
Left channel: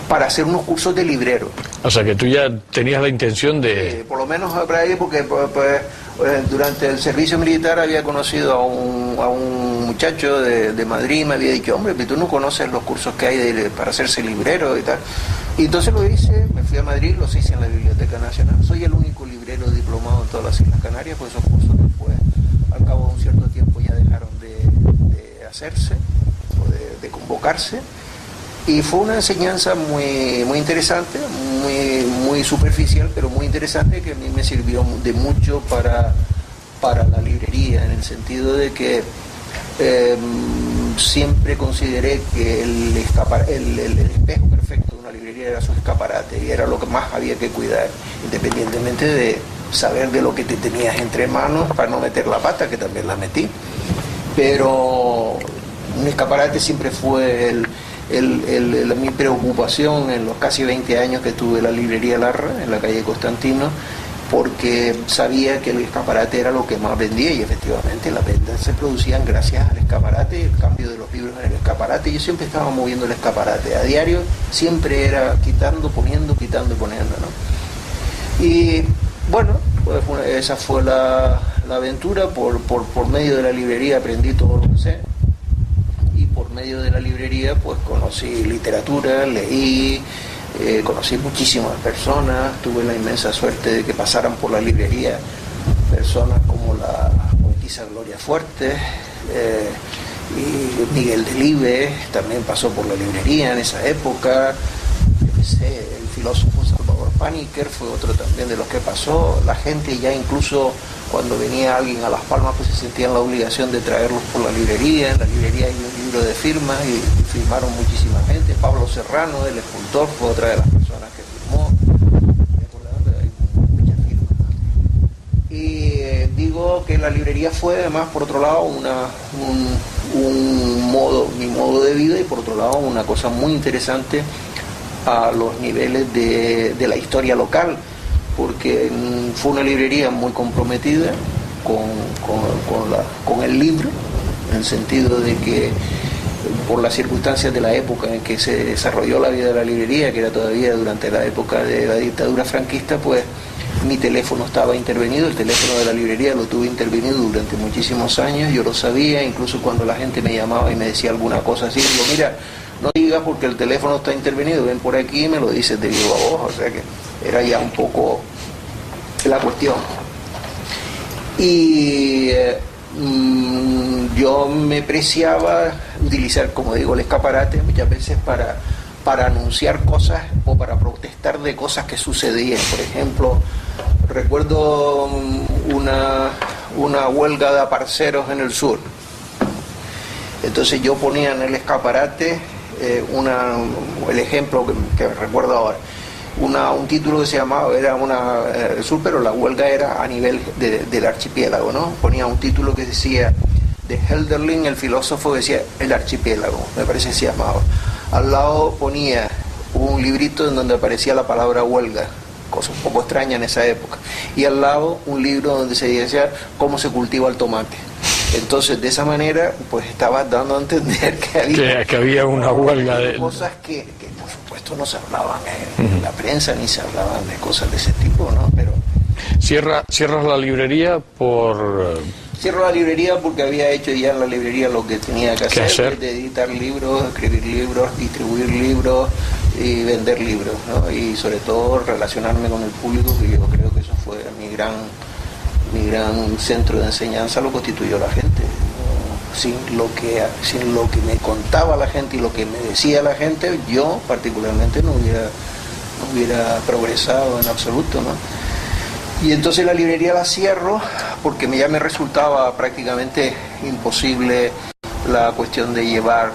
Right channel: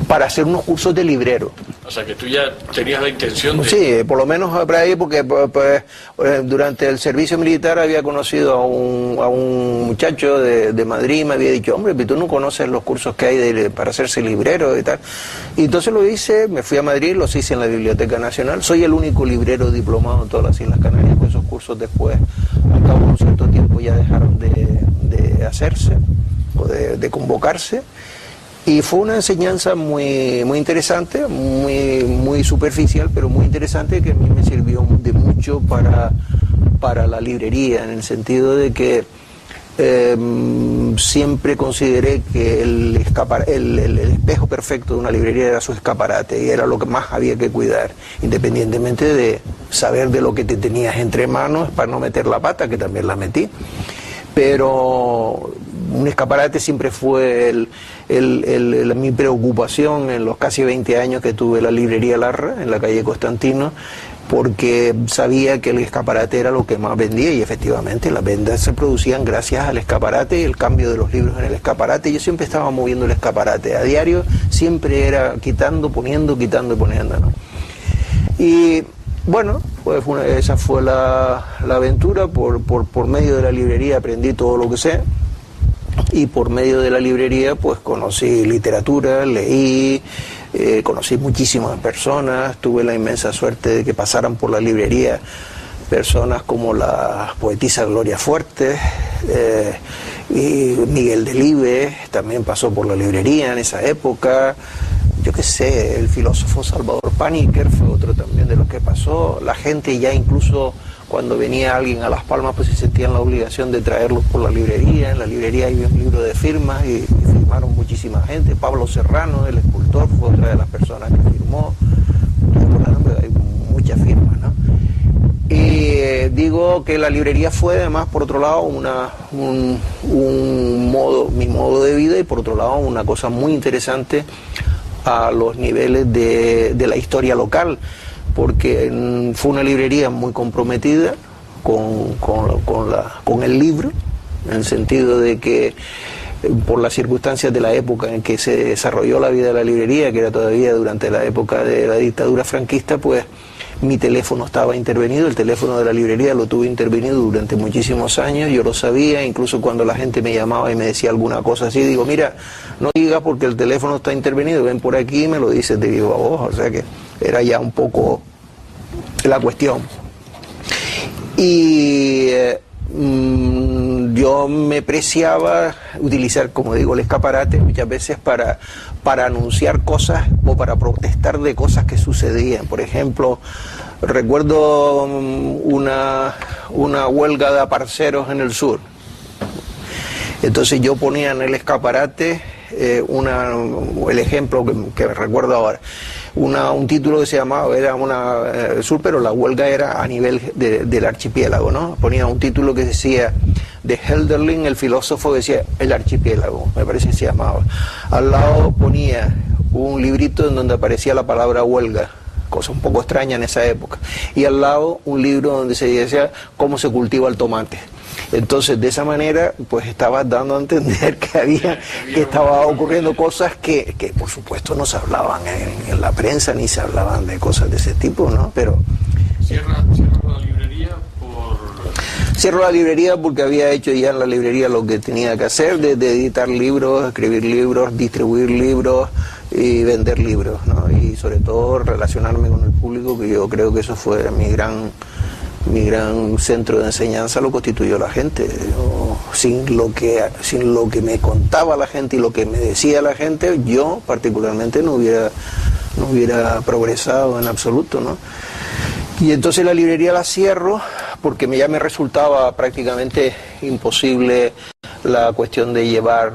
para hacer unos cursos de librero. O sea, que tú ya tenías la intención de... Sí, por lo menos por ahí, porque pues, durante el servicio militar había conocido a un muchacho de Madrid, me había dicho, hombre, tú no conoces los cursos que hay para hacerse librero y tal. Y entonces lo hice, me fui a Madrid, los hice en la Biblioteca Nacional. Soy el único librero diplomado en todas las Islas Canarias, pues esos cursos después, al cabo de un cierto tiempo, ya dejaron de hacerse o de convocarse. Y fue una enseñanza muy interesante, muy superficial, pero muy interesante, que a mí me sirvió de mucho para la librería, en el sentido de que siempre consideré que el espejo perfecto de una librería era su escaparate, y era lo que más había que cuidar, independientemente de saber de lo que te tenías entre manos para no meter la pata, que también la metí. Pero un escaparate siempre fue mi preocupación en los casi 20 años que tuve la librería Larra en la calle Constantino, porque sabía que el escaparate era lo que más vendía, y efectivamente las ventas se producían gracias al escaparate y el cambio de los libros en el escaparate. Yo siempre estaba moviendo el escaparate a diario, siempre era quitando, poniendo, ¿no? Y bueno, pues esa fue la aventura. Por medio de la librería aprendí todo lo que sé. Y por medio de la librería pues conocí literatura, leí, conocí muchísimas personas. Tuve la inmensa suerte de que pasaran por la librería personas como la poetisa Gloria Fuertes, y Miguel Delibes también pasó por la librería en esa época. Yo qué sé, el filósofo Salvador Paniker fue otro también de los que pasó. La gente ya incluso cuando venía alguien a Las Palmas pues se sentían la obligación de traerlos por la librería. En la librería hay un libro de firmas y firmaron muchísima gente. Pablo Serrano, el escultor, fue otra de las personas que firmó. Hay muchas firmas, ¿no? Y digo que la librería fue además por otro lado mi modo de vida, y por otro lado una cosa muy interesante a los niveles de la historia local, porque fue una librería muy comprometida con el libro, en el sentido de que por las circunstancias de la época en que se desarrolló la vida de la librería, que era todavía durante la época de la dictadura franquista, pues mi teléfono estaba intervenido, el teléfono de la librería lo tuve intervenido durante muchísimos años, yo lo sabía, incluso cuando la gente me llamaba y me decía alguna cosa así, digo, mira, no diga porque el teléfono está intervenido, ven por aquí y me lo dices de viva voz, o sea que era ya un poco la cuestión. Y yo me preciaba utilizar, como digo, el escaparate muchas veces para anunciar cosas o para protestar de cosas que sucedían. Por ejemplo, recuerdo una huelga de aparceros en el sur. Entonces yo ponía en el escaparate el ejemplo que recuerdo ahora, un título que se llamaba, era el sur, pero la huelga era a nivel del archipiélago, ¿no? Ponía un título que decía de Hölderlin, el filósofo, decía el archipiélago, me parece que se llamaba. Al lado ponía un librito en donde aparecía la palabra huelga, cosa un poco extraña en esa época, y al lado un libro donde se decía cómo se cultiva el tomate. Entonces, de esa manera, pues estaba dando a entender que había ocurriendo cosas que por supuesto no se hablaban en la prensa, ni se hablaban de cosas de ese tipo, ¿no? Pero ¿Cierras la librería por...? Cierro la librería porque había hecho ya en la librería lo que tenía que hacer, de editar libros, escribir libros, distribuir libros y vender libros, ¿no? Y sobre todo relacionarme con el público, que yo creo que eso fue mi gran centro de enseñanza, lo constituyó la gente. Sin lo que me contaba la gente y lo que me decía la gente, yo particularmente no hubiera progresado en absoluto, ¿no? Y entonces la librería la cierro porque ya me resultaba prácticamente imposible la cuestión de llevar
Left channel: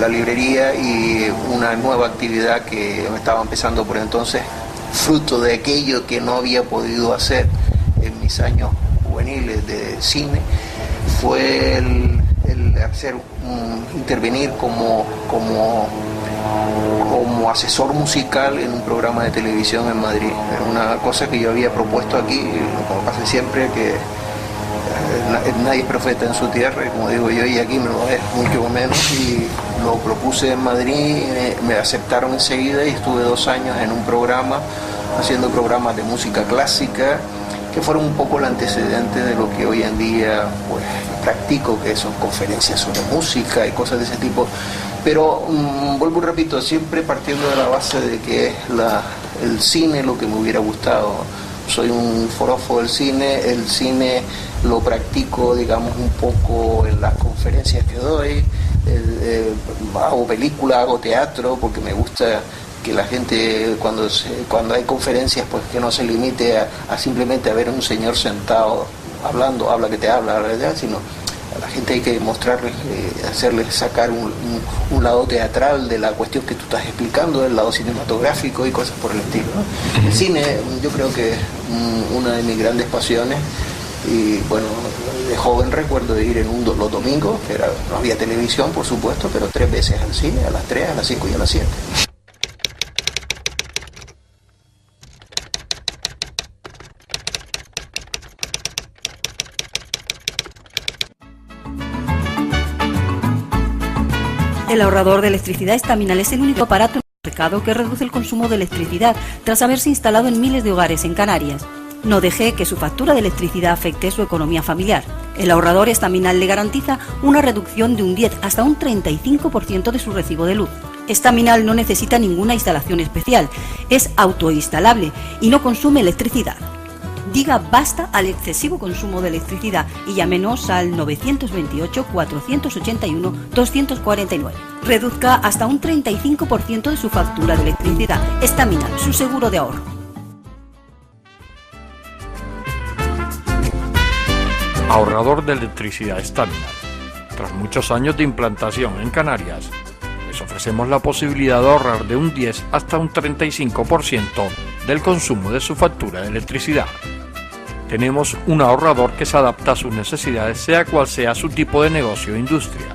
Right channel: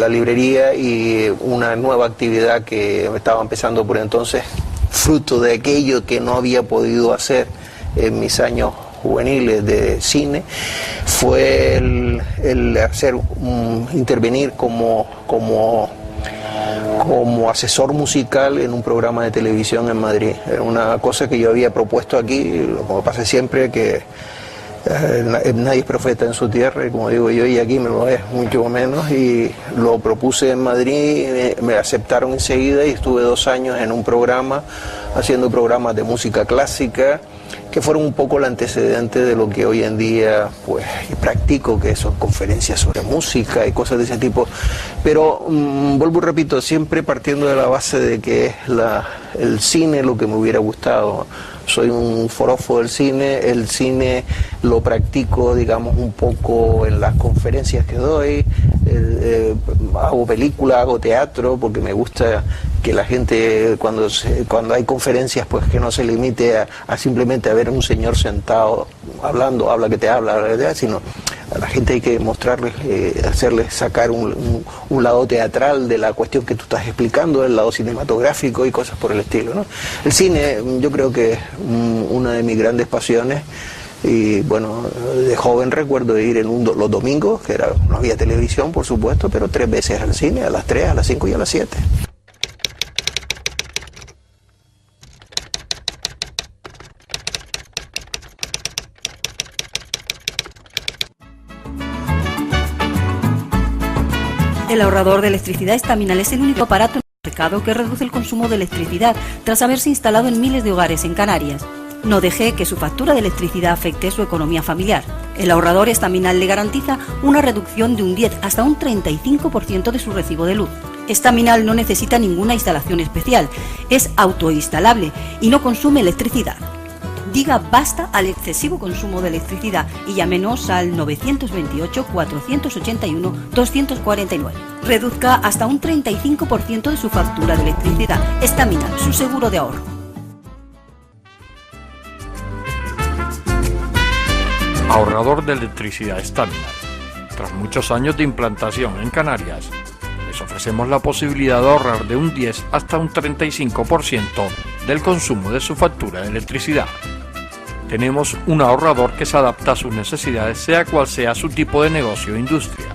la librería y una nueva actividad que estaba empezando por entonces, fruto de aquello que no había podido hacer en mis años juveniles de cine, fue el intervenir como asesor musical en un programa de televisión en Madrid. Era una cosa que yo había propuesto aquí, como pasa siempre, que nadie es profeta en su tierra, y como digo yo, y aquí no lo es, mucho menos, y lo propuse en Madrid, me aceptaron enseguida y estuve 2 años en un programa, haciendo programas de música clásica, que fueron un poco el antecedente de lo que hoy en día pues practico, que son conferencias sobre música y cosas de ese tipo. Pero vuelvo y repito, siempre partiendo de la base de que el cine lo que me hubiera gustado. Soy un forofo del cine, el cine lo practico, digamos, un poco en las conferencias que doy, hago películas, hago teatro, porque me gusta que la gente cuando hay conferencias pues que no se limite a simplemente a ver a un señor sentado hablando, habla que te habla, sino a la gente hay que mostrarles, hacerles sacar un lado teatral de la cuestión que tú estás explicando, el lado cinematográfico y cosas por el estilo, ¿no? El cine yo creo que es una de mis grandes pasiones. Y bueno, de joven recuerdo de ir los domingos, que no había televisión por supuesto, pero 3 veces al cine, a las 3, a las 5 y a las 7. El ahorrador de electricidad Estaminal es el único aparato en el mercado que reduce el consumo de electricidad tras haberse instalado en miles de hogares en Canarias. No deje que su factura de electricidad afecte su economía familiar. El ahorrador Estaminal le garantiza una reducción de un 10 hasta un 35% de su recibo de luz. Estaminal no necesita ninguna instalación especial, es autoinstalable y no consume electricidad. Diga basta al excesivo consumo de electricidad y llámenos al 928-481-249. Reduzca hasta un 35% de su factura de electricidad. Estaminal, su seguro de ahorro. Ahorrador de electricidad Estaminal. Tras muchos años de implantación en Canarias, les ofrecemos la posibilidad de ahorrar de un 10 hasta un 35% del consumo de su factura de electricidad. Tenemos un ahorrador que se adapta a sus necesidades, sea cual sea su tipo de negocio o industria.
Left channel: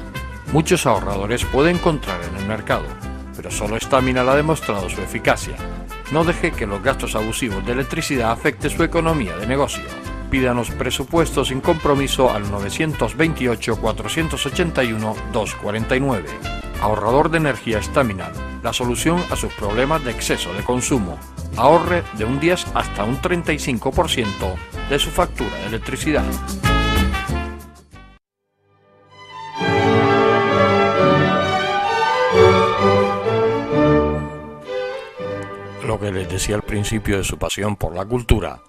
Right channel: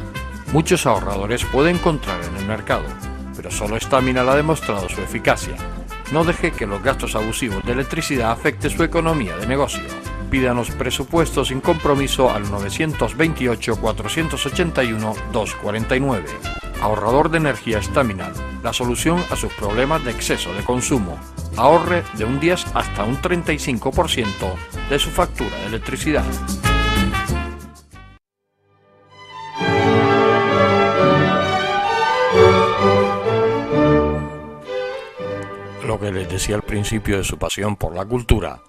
Muchos ahorradores puede encontrar en el mercado, pero solo Estaminal ha demostrado su eficacia. No deje que los gastos abusivos de electricidad afecten su economía de negocio. Pídanos presupuestos sin compromiso al 928-481-249. Ahorrador de energía Estaminal, la solución a sus problemas de exceso de consumo. Ahorre de un 10 hasta un 35% de su factura de electricidad. Lo que les decía al principio de su pasión por la cultura,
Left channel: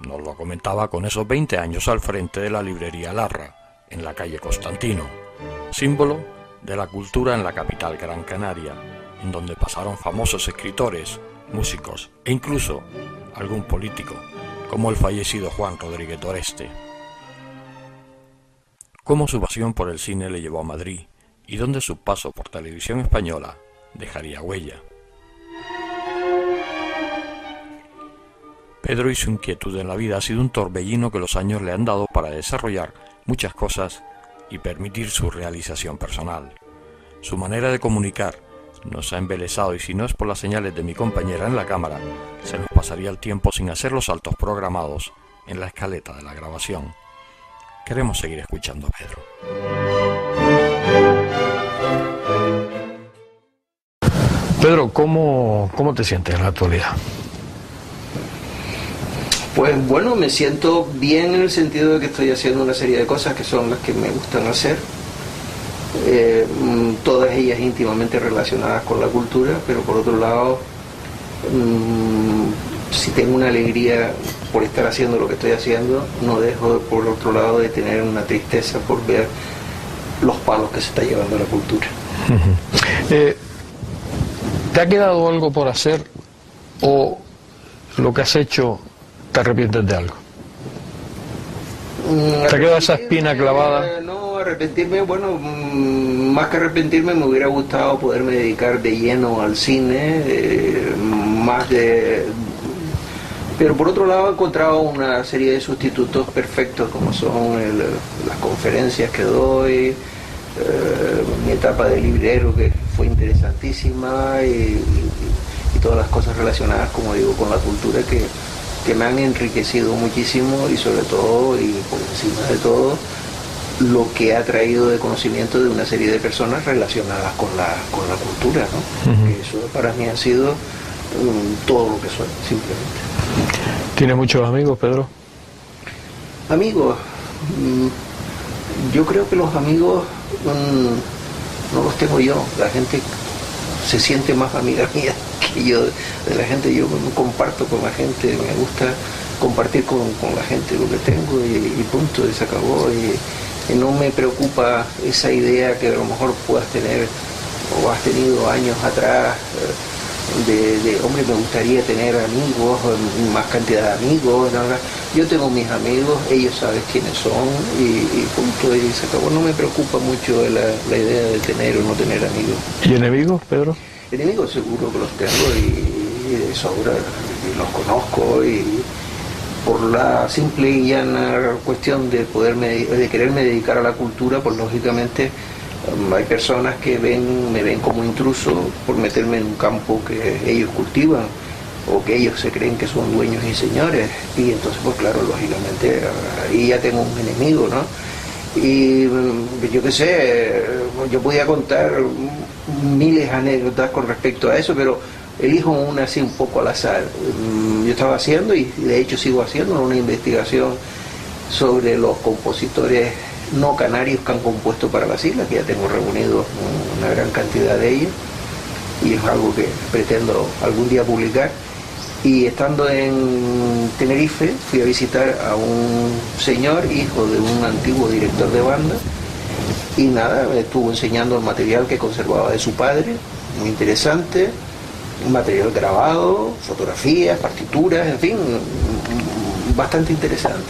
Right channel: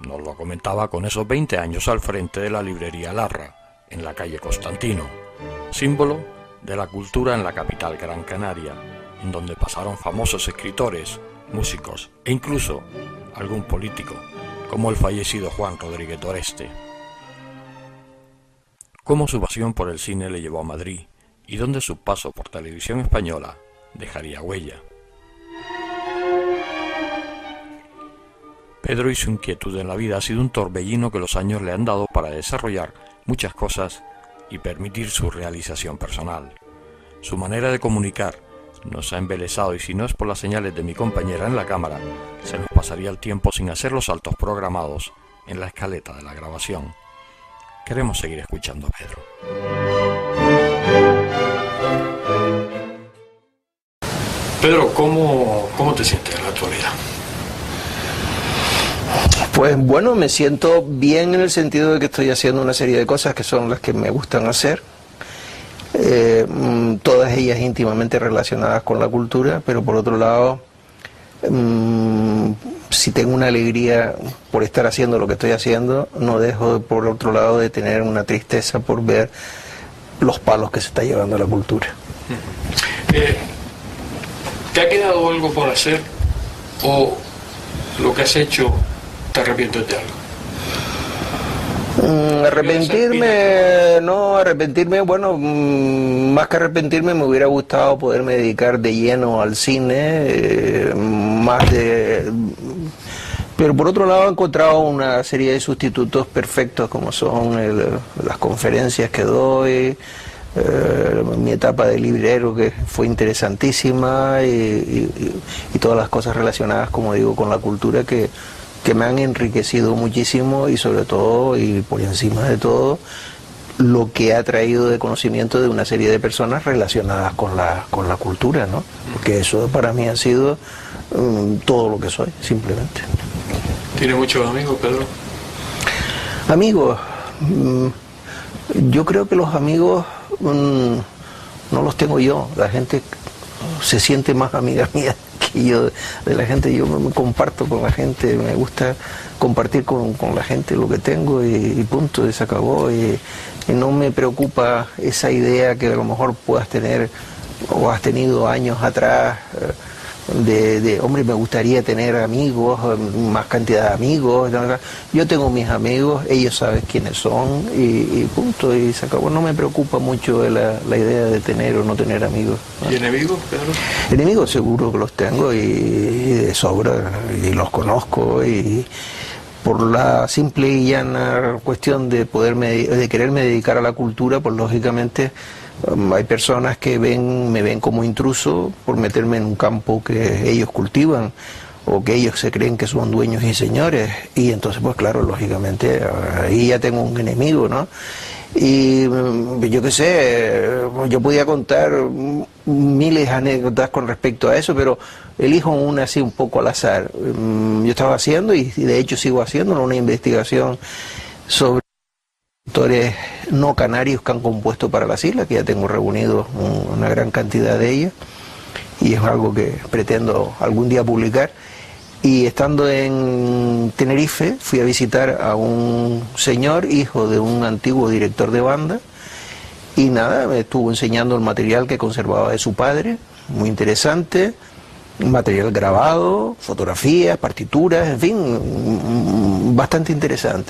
nos lo comentaba con esos 20 años al frente de la librería Larra, en la calle Constantino, símbolo de la cultura en la capital Gran Canaria, en donde pasaron famosos escritores, músicos e incluso algún político, como el fallecido Juan Rodríguez Doreste. Cómo su pasión por el cine le llevó a Madrid y donde su paso por Televisión Española dejaría huella. Pedro y su inquietud en la vida ha sido un torbellino que los años le han dado para desarrollar muchas cosas y permitir su realización personal. Su manera de comunicar nos ha embelesado y si no es por las señales de mi compañera en la cámara, se nos pasaría el tiempo sin hacer los saltos programados en la escaleta de la grabación. Queremos seguir escuchando a Pedro. Pedro, ¿cómo te sientes en la actualidad? Pues bueno, me siento bien en el sentido de que estoy haciendo una serie de cosas que son las que me gustan hacer, todas ellas íntimamente relacionadas con la cultura, pero por otro lado, si tengo una alegría por estar haciendo lo que estoy haciendo, no dejo por otro lado de tener una tristeza por ver los palos que se está llevando la cultura. ¿Te ha quedado algo por hacer o lo que has hecho te arrepientes de algo? Arrepentirme, bueno, más que arrepentirme me hubiera gustado poderme dedicar de lleno al cine, pero por otro lado he encontrado una serie de sustitutos perfectos como son las conferencias que doy, mi etapa de librero que fue interesantísima y todas las cosas relacionadas, como digo, con la cultura que me han enriquecido muchísimo y sobre todo y por encima de todo lo que ha traído de conocimiento de una serie de personas relacionadas con la cultura, ¿no? Que eso para mí ha sido todo lo que soy, simplemente. ¿Tienes muchos amigos, Pedro? Amigos, yo creo que los amigos no los tengo yo, la gente se siente más amiga mía que yo de la gente. Yo comparto con la gente, me gusta compartir con la gente lo que tengo y punto, y se acabó. Y no me preocupa esa idea que a lo mejor puedas tener o has tenido años atrás de hombre, me gustaría tener amigos, más cantidad de amigos. Yo tengo mis amigos, ellos saben quiénes son y punto, y se acabó. No me preocupa mucho la idea de tener o no tener amigos. ¿Y enemigos, Pedro? Enemigos seguro que los tengo y de sobra, y los conozco, y por la simple y llana cuestión de quererme dedicar a la cultura, pues lógicamente hay personas que me ven como intruso por meterme en un campo que ellos cultivan o que ellos se creen que son dueños y señores, y entonces pues claro, lógicamente ahí ya tengo un enemigo, ¿no? Y yo qué sé, yo podía contar miles de anécdotas con respecto a eso, pero elijo una así un poco al azar. Yo estaba haciendo, y de hecho sigo haciendo, una investigación sobre los compositores no canarios que han compuesto para las islas, que ya tengo reunido una gran cantidad de ellos, y es algo que pretendo algún día publicar. Y estando en Tenerife fui a visitar a un señor, hijo de un antiguo director de banda, y nada, me estuvo enseñando el material que conservaba de su padre, muy interesante, un material grabado, fotografías, partituras, en fin, bastante interesante.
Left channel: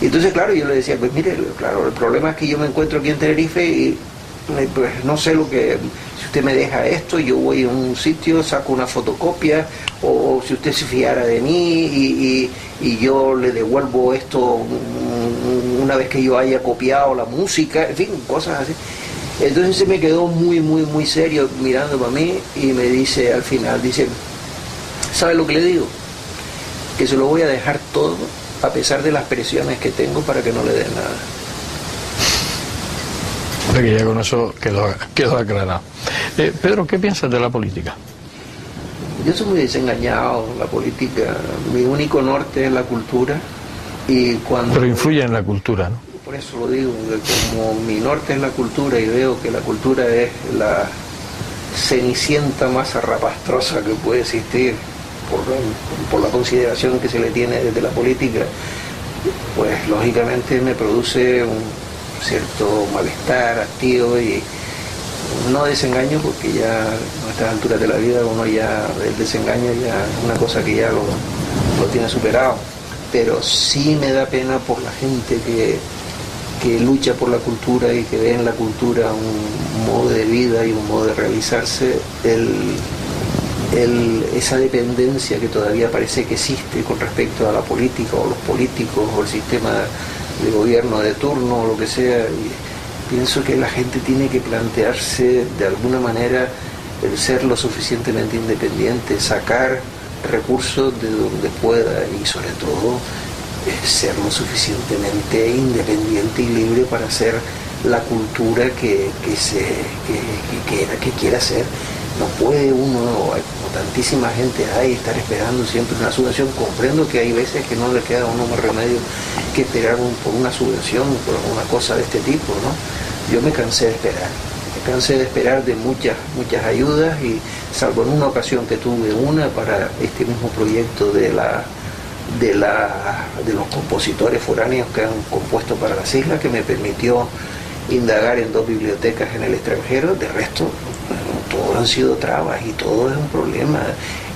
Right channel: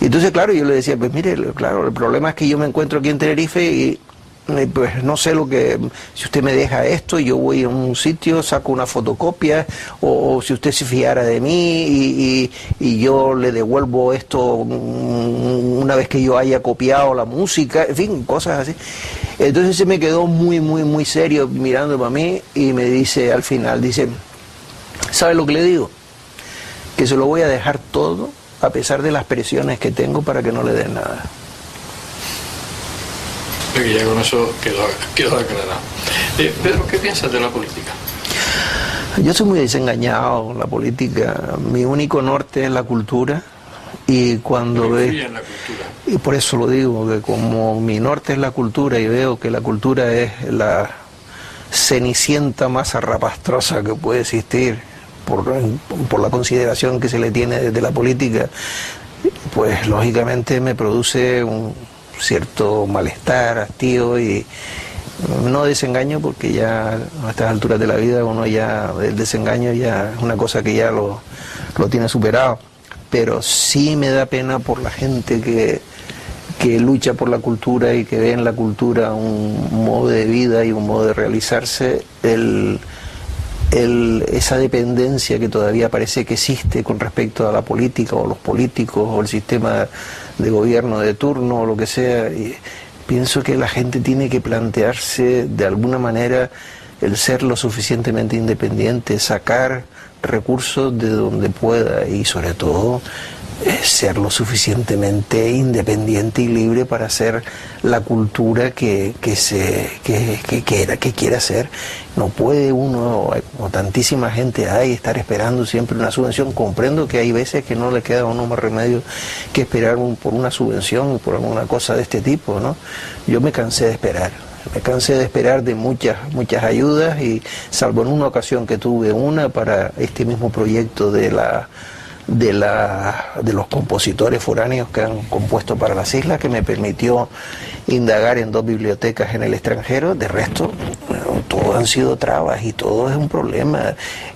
Y entonces, claro, yo le decía, pues mire, claro, el problema es que yo me encuentro aquí en Tenerife y pues no sé lo que, si usted me deja esto, yo voy a un sitio, saco una fotocopia, o si usted se fiara de mí y yo le devuelvo esto una vez que yo haya copiado la música, en fin, cosas así. Entonces se me quedó muy serio mirando para mí y me dice al final, dice, ¿sabe lo que le digo? Que se lo voy a dejar todo a pesar de las presiones que tengo para que no le den nada. Creo que ya con eso quedó aclarado. Pedro, ¿qué piensas de la política? Yo soy muy desengañado con la política. Mi único norte es la cultura. Y cuando pero influye en la cultura, ¿no? Y por eso lo digo, que como mi norte es la cultura y veo que la cultura es la cenicienta más zarrapastrosa que puede existir por la consideración que se le tiene desde la política, pues lógicamente me produce un cierto malestar, hastío y no desengaño, porque ya a estas alturas de la vida uno ya, el desengaño ya es una cosa que ya lo tiene superado, pero sí me da pena por la gente que lucha por la cultura y que ve en la cultura un modo de vida y un modo de realizarse, esa dependencia que todavía parece que existe con respecto a la política o los políticos o el sistema de gobierno de turno o lo que sea. Y pienso que la gente tiene que plantearse de alguna manera el ser lo suficientemente independiente, sacar recursos de donde pueda y sobre todo ser lo suficientemente independiente y libre para hacer la cultura que quiera hacer. No puede uno, o tantísima gente hay, estar esperando siempre una subvención. Comprendo que hay veces que no le queda a uno más remedio que esperar por una subvención, por alguna cosa de este tipo, ¿no? Yo me cansé de esperar de muchas ayudas, y salvo en una ocasión que tuve una para este mismo proyecto de los compositores foráneos que han compuesto para las islas, que me permitió indagar en 2 bibliotecas en el extranjero. De resto, todo han sido trabas y todo es un problema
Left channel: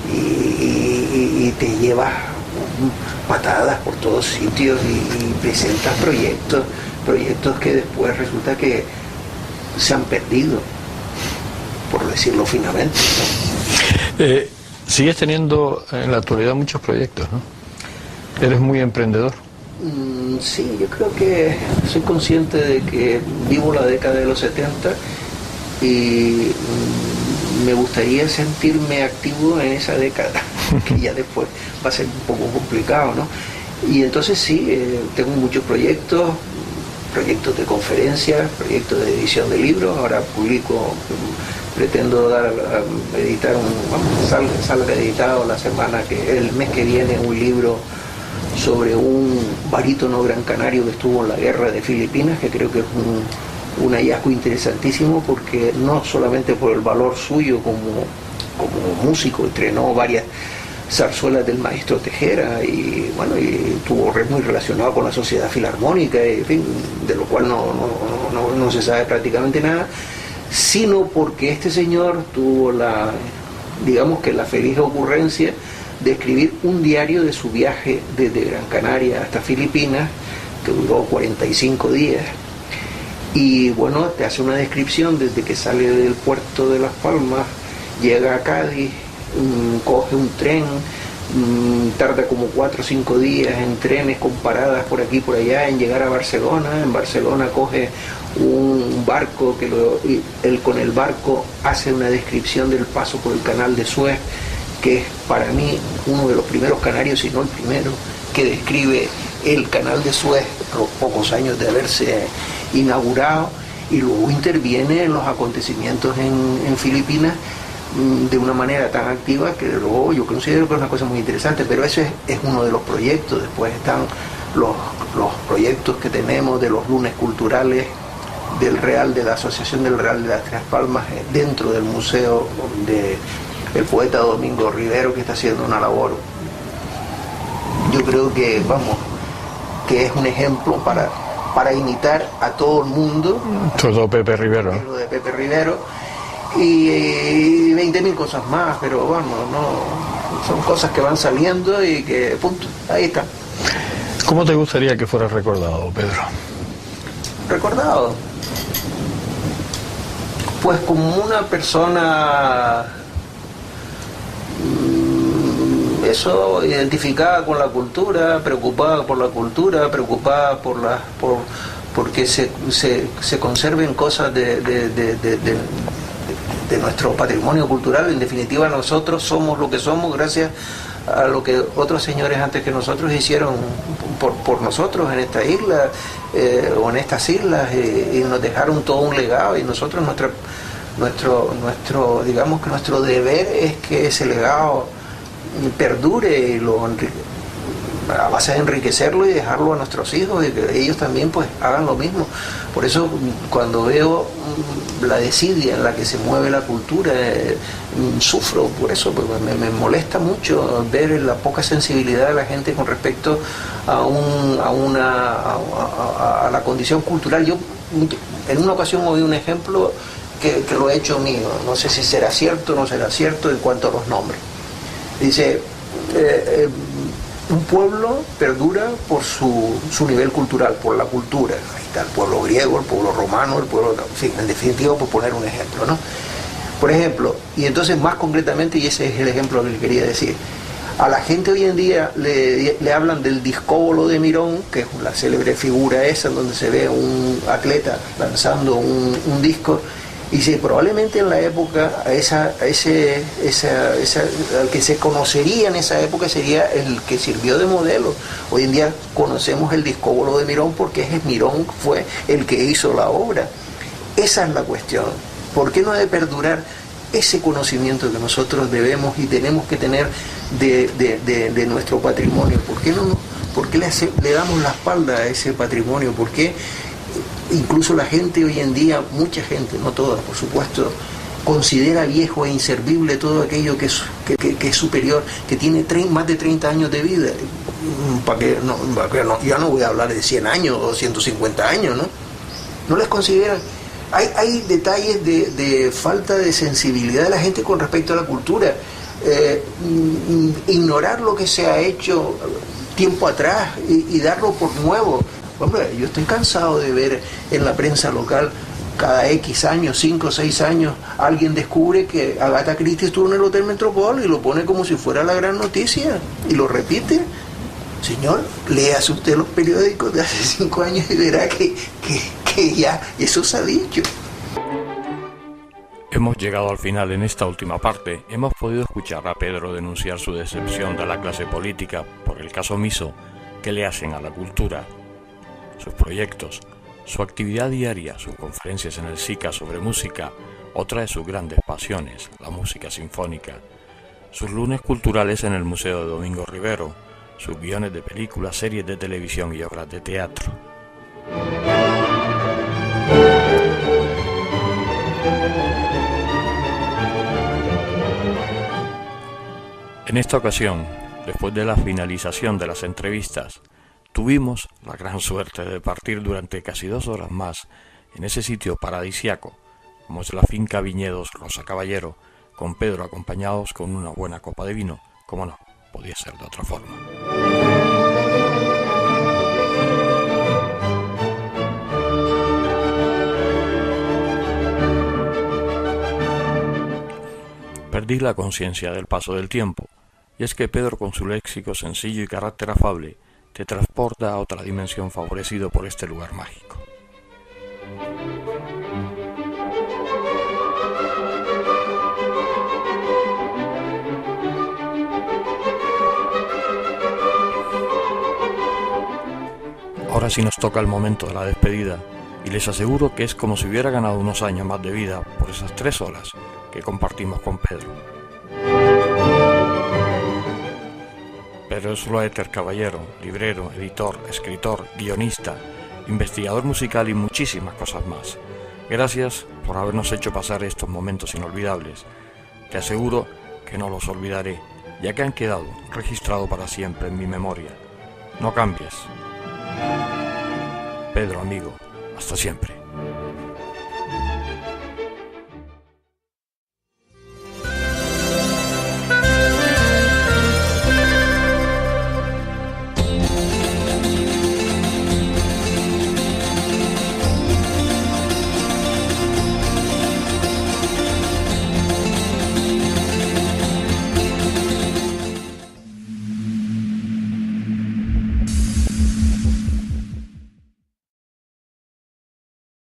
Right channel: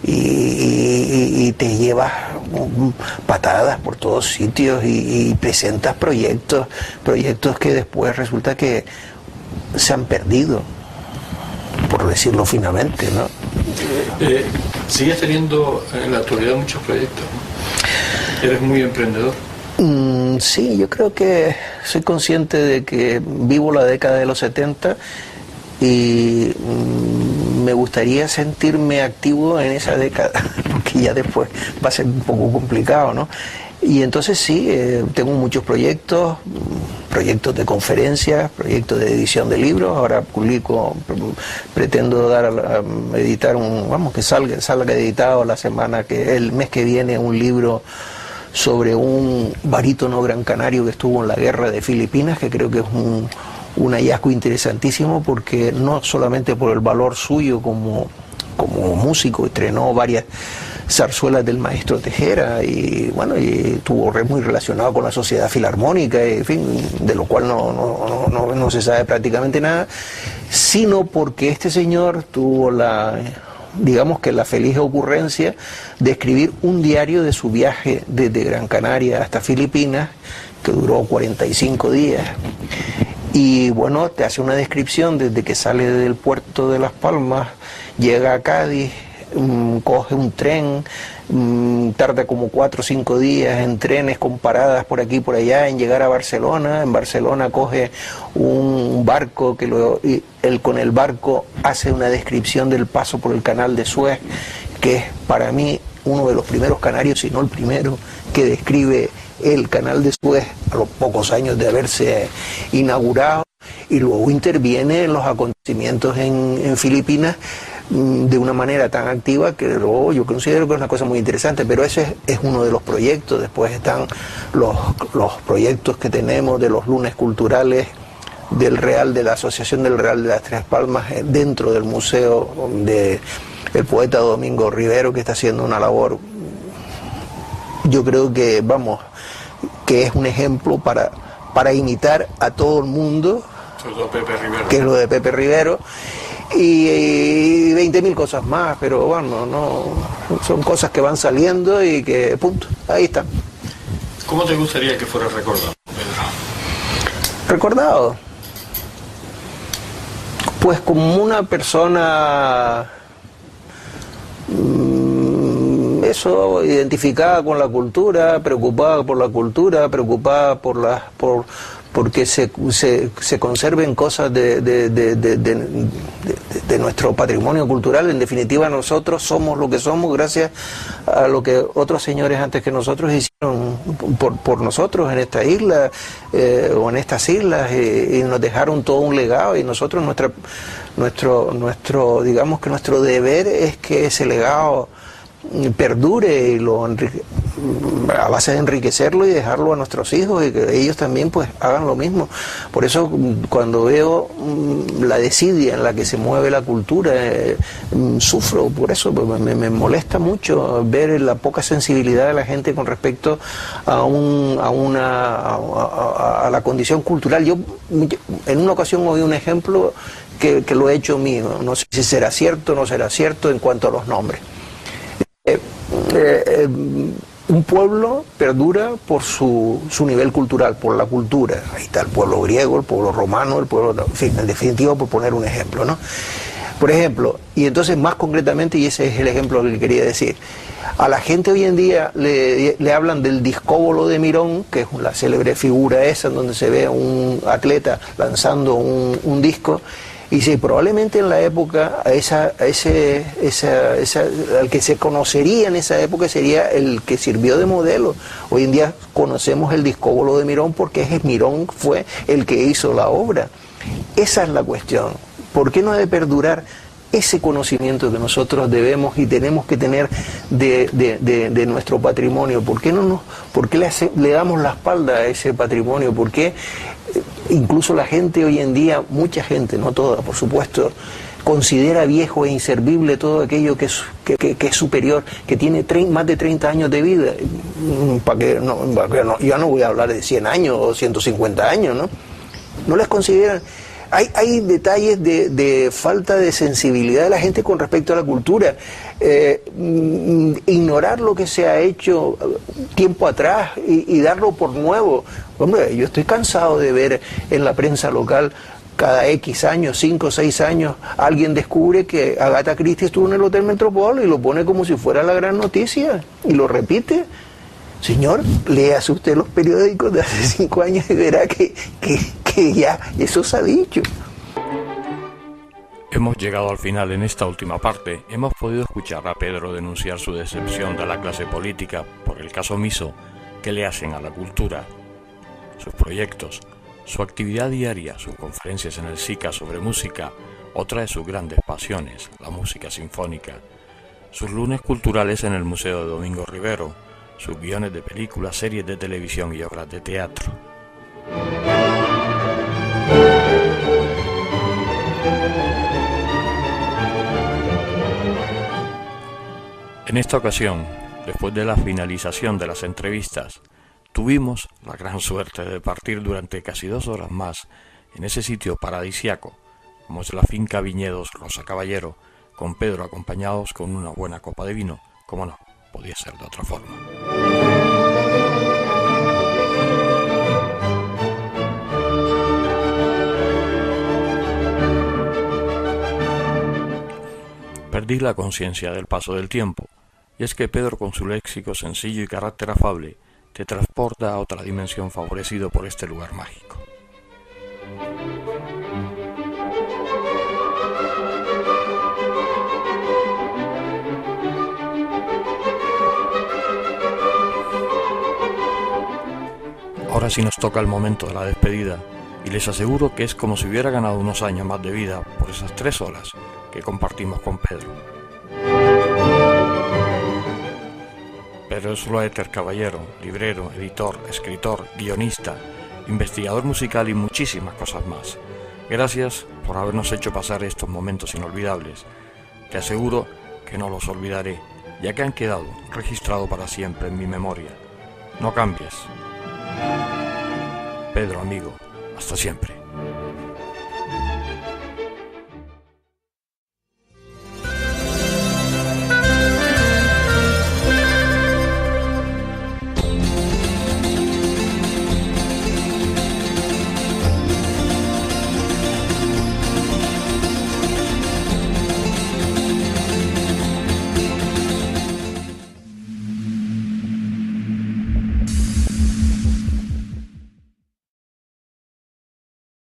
y te llevas patadas por todos sitios y presentas proyectos que después resulta que se han perdido, por decirlo finamente, ¿no? Sigues teniendo en la actualidad muchos proyectos, ¿no? Eres muy emprendedor. Sí, yo creo que soy consciente de que vivo la década de los 70 y me gustaría sentirme activo en esa década, que ya después va a ser un poco complicado, ¿no? Y entonces sí, tengo muchos proyectos de conferencias, proyectos de edición de libros. Ahora pretendo editar que salga editado el mes que viene, un libro sobre un barítono gran canario que estuvo en la guerra de Filipinas, que creo que es un hallazgo interesantísimo, porque no solamente por el valor suyo como músico, estrenó varias zarzuelas del maestro Tejera y estuvo muy relacionado con la Sociedad Filarmónica, en fin, de lo cual no se sabe prácticamente nada, sino porque este señor tuvo la feliz ocurrencia de escribir un diario de su viaje desde Gran Canaria hasta Filipinas, que duró 45 días. Y te hace una descripción desde que sale del puerto de Las Palmas, llega a Cádiz, coge un tren, tarda como 4 o 5 días en trenes con paradas por aquí y por allá en llegar a Barcelona. En Barcelona coge un barco y él con el barco hace una descripción del paso por el canal de Suez, que es para mí uno de los primeros canarios, si no el primero, que describe el canal de Suez a los pocos años de haberse inaugurado, y luego interviene en los acontecimientos en Filipinas de una manera tan activa que luego yo considero que es una cosa muy interesante. Pero ese es uno de los proyectos. Después están los proyectos que tenemos de los lunes culturales de la Asociación del Real de las Tres Palmas, dentro del museo del poeta Domingo Rivero, que está haciendo una labor creo que, vamos, que es un ejemplo para imitar a todo el mundo. Todo Pepe Rivero. Que es lo de Pepe Rivero. Y 20.000 cosas más, pero bueno, no, son cosas que van saliendo y que, punto, ahí están. ¿Cómo te gustaría que fuera recordado, Pedro? ¿Recordado? Pues como una persona, eso, identificada con la cultura, preocupada por la cultura, preocupada porque se conserven cosas de nuestro patrimonio cultural. En definitiva, nosotros somos lo que somos gracias a lo que otros señores antes que nosotros hicieron por nosotros en esta isla o en estas islas, y nos dejaron todo un legado, y nosotros digamos que nuestro deber es que ese legado perdure y a base de enriquecerlo y dejarlo a nuestros hijos, y que ellos también pues hagan lo mismo. Por eso cuando veo la desidia en la que se mueve la cultura, sufro por eso, me molesta mucho ver la poca sensibilidad de la gente con respecto a la condición cultural. Yo en una ocasión oí un ejemplo que lo he hecho mío, no sé si será cierto o no será cierto en cuanto a los nombres. Dice, un pueblo perdura por su nivel cultural, por la cultura. Ahí está el pueblo griego, el pueblo romano, el pueblo, en fin, en definitiva, por poner un ejemplo, ¿no? Por ejemplo, y entonces más concretamente, y ese es el ejemplo que quería decir, a la gente hoy en día le hablan del discóbolo de Mirón, que es la célebre figura esa, donde se ve a un atleta lanzando un disco. Y sí, probablemente en la época al que se conocería en esa época sería el que sirvió de modelo. Hoy en día conocemos el discóbolo de Mirón porque Mirón fue el que hizo la obra. Esa es la cuestión. ¿Por qué no ha de perdurar ese conocimiento que nosotros debemos y tenemos que tener de nuestro patrimonio? ¿Por qué le damos la espalda a ese patrimonio? ¿Por qué incluso la gente hoy en día, mucha gente, no toda por supuesto, considera viejo e inservible todo aquello que es superior, que tiene más de 30 años de vida? Ya no voy a hablar de 100 años o 150 años, ¿no? No les consideran. Hay detalles de falta de sensibilidad de la gente con respecto a la cultura. Ignorar lo que se ha hecho tiempo atrás y darlo por nuevo. Hombre, yo estoy cansado de ver en la prensa local cada X años, 5 o 6 años, alguien descubre que Agatha Christie estuvo en el Hotel Metropol y lo pone como si fuera la gran noticia y lo repite. Señor, léase usted los periódicos de hace 5 años y verá que ya eso se ha dicho. Hemos llegado al final. En esta última parte hemos podido escuchar a Pedro denunciar su decepción de la clase política por el caso omiso que le hacen a la cultura. Sus proyectos, su actividad diaria, sus conferencias en el SICA sobre música, otra de sus grandes pasiones, la música sinfónica, sus lunes culturales en el Museo de Domingo Rivero, sus guiones de películas, series de televisión y obras de teatro. En esta ocasión, después de la finalización de las entrevistas, tuvimos la gran suerte de partir durante casi 2 horas más en ese sitio paradisiaco, como es la finca Viñedos Rosa Caballero, con Pedro acompañados con una buena copa de vino, como no podía ser de otra forma. Perdí la conciencia del paso del tiempo, y es que Pedro, con su léxico sencillo y carácter afable, te transporta a otra dimensión favorecido por este lugar mágico. Ahora sí nos toca el momento de la despedida, y les aseguro que es como si hubiera ganado unos años más de vida por esas 3 horas que compartimos con Pedro. Pedro Zuloéter Caballero, librero, editor, escritor, guionista, investigador musical y muchísimas cosas más. Gracias por habernos hecho pasar estos momentos inolvidables. Te aseguro que no los olvidaré, ya que han quedado registrados para siempre en mi memoria. no cambies. Pedro, amigo, hasta siempre.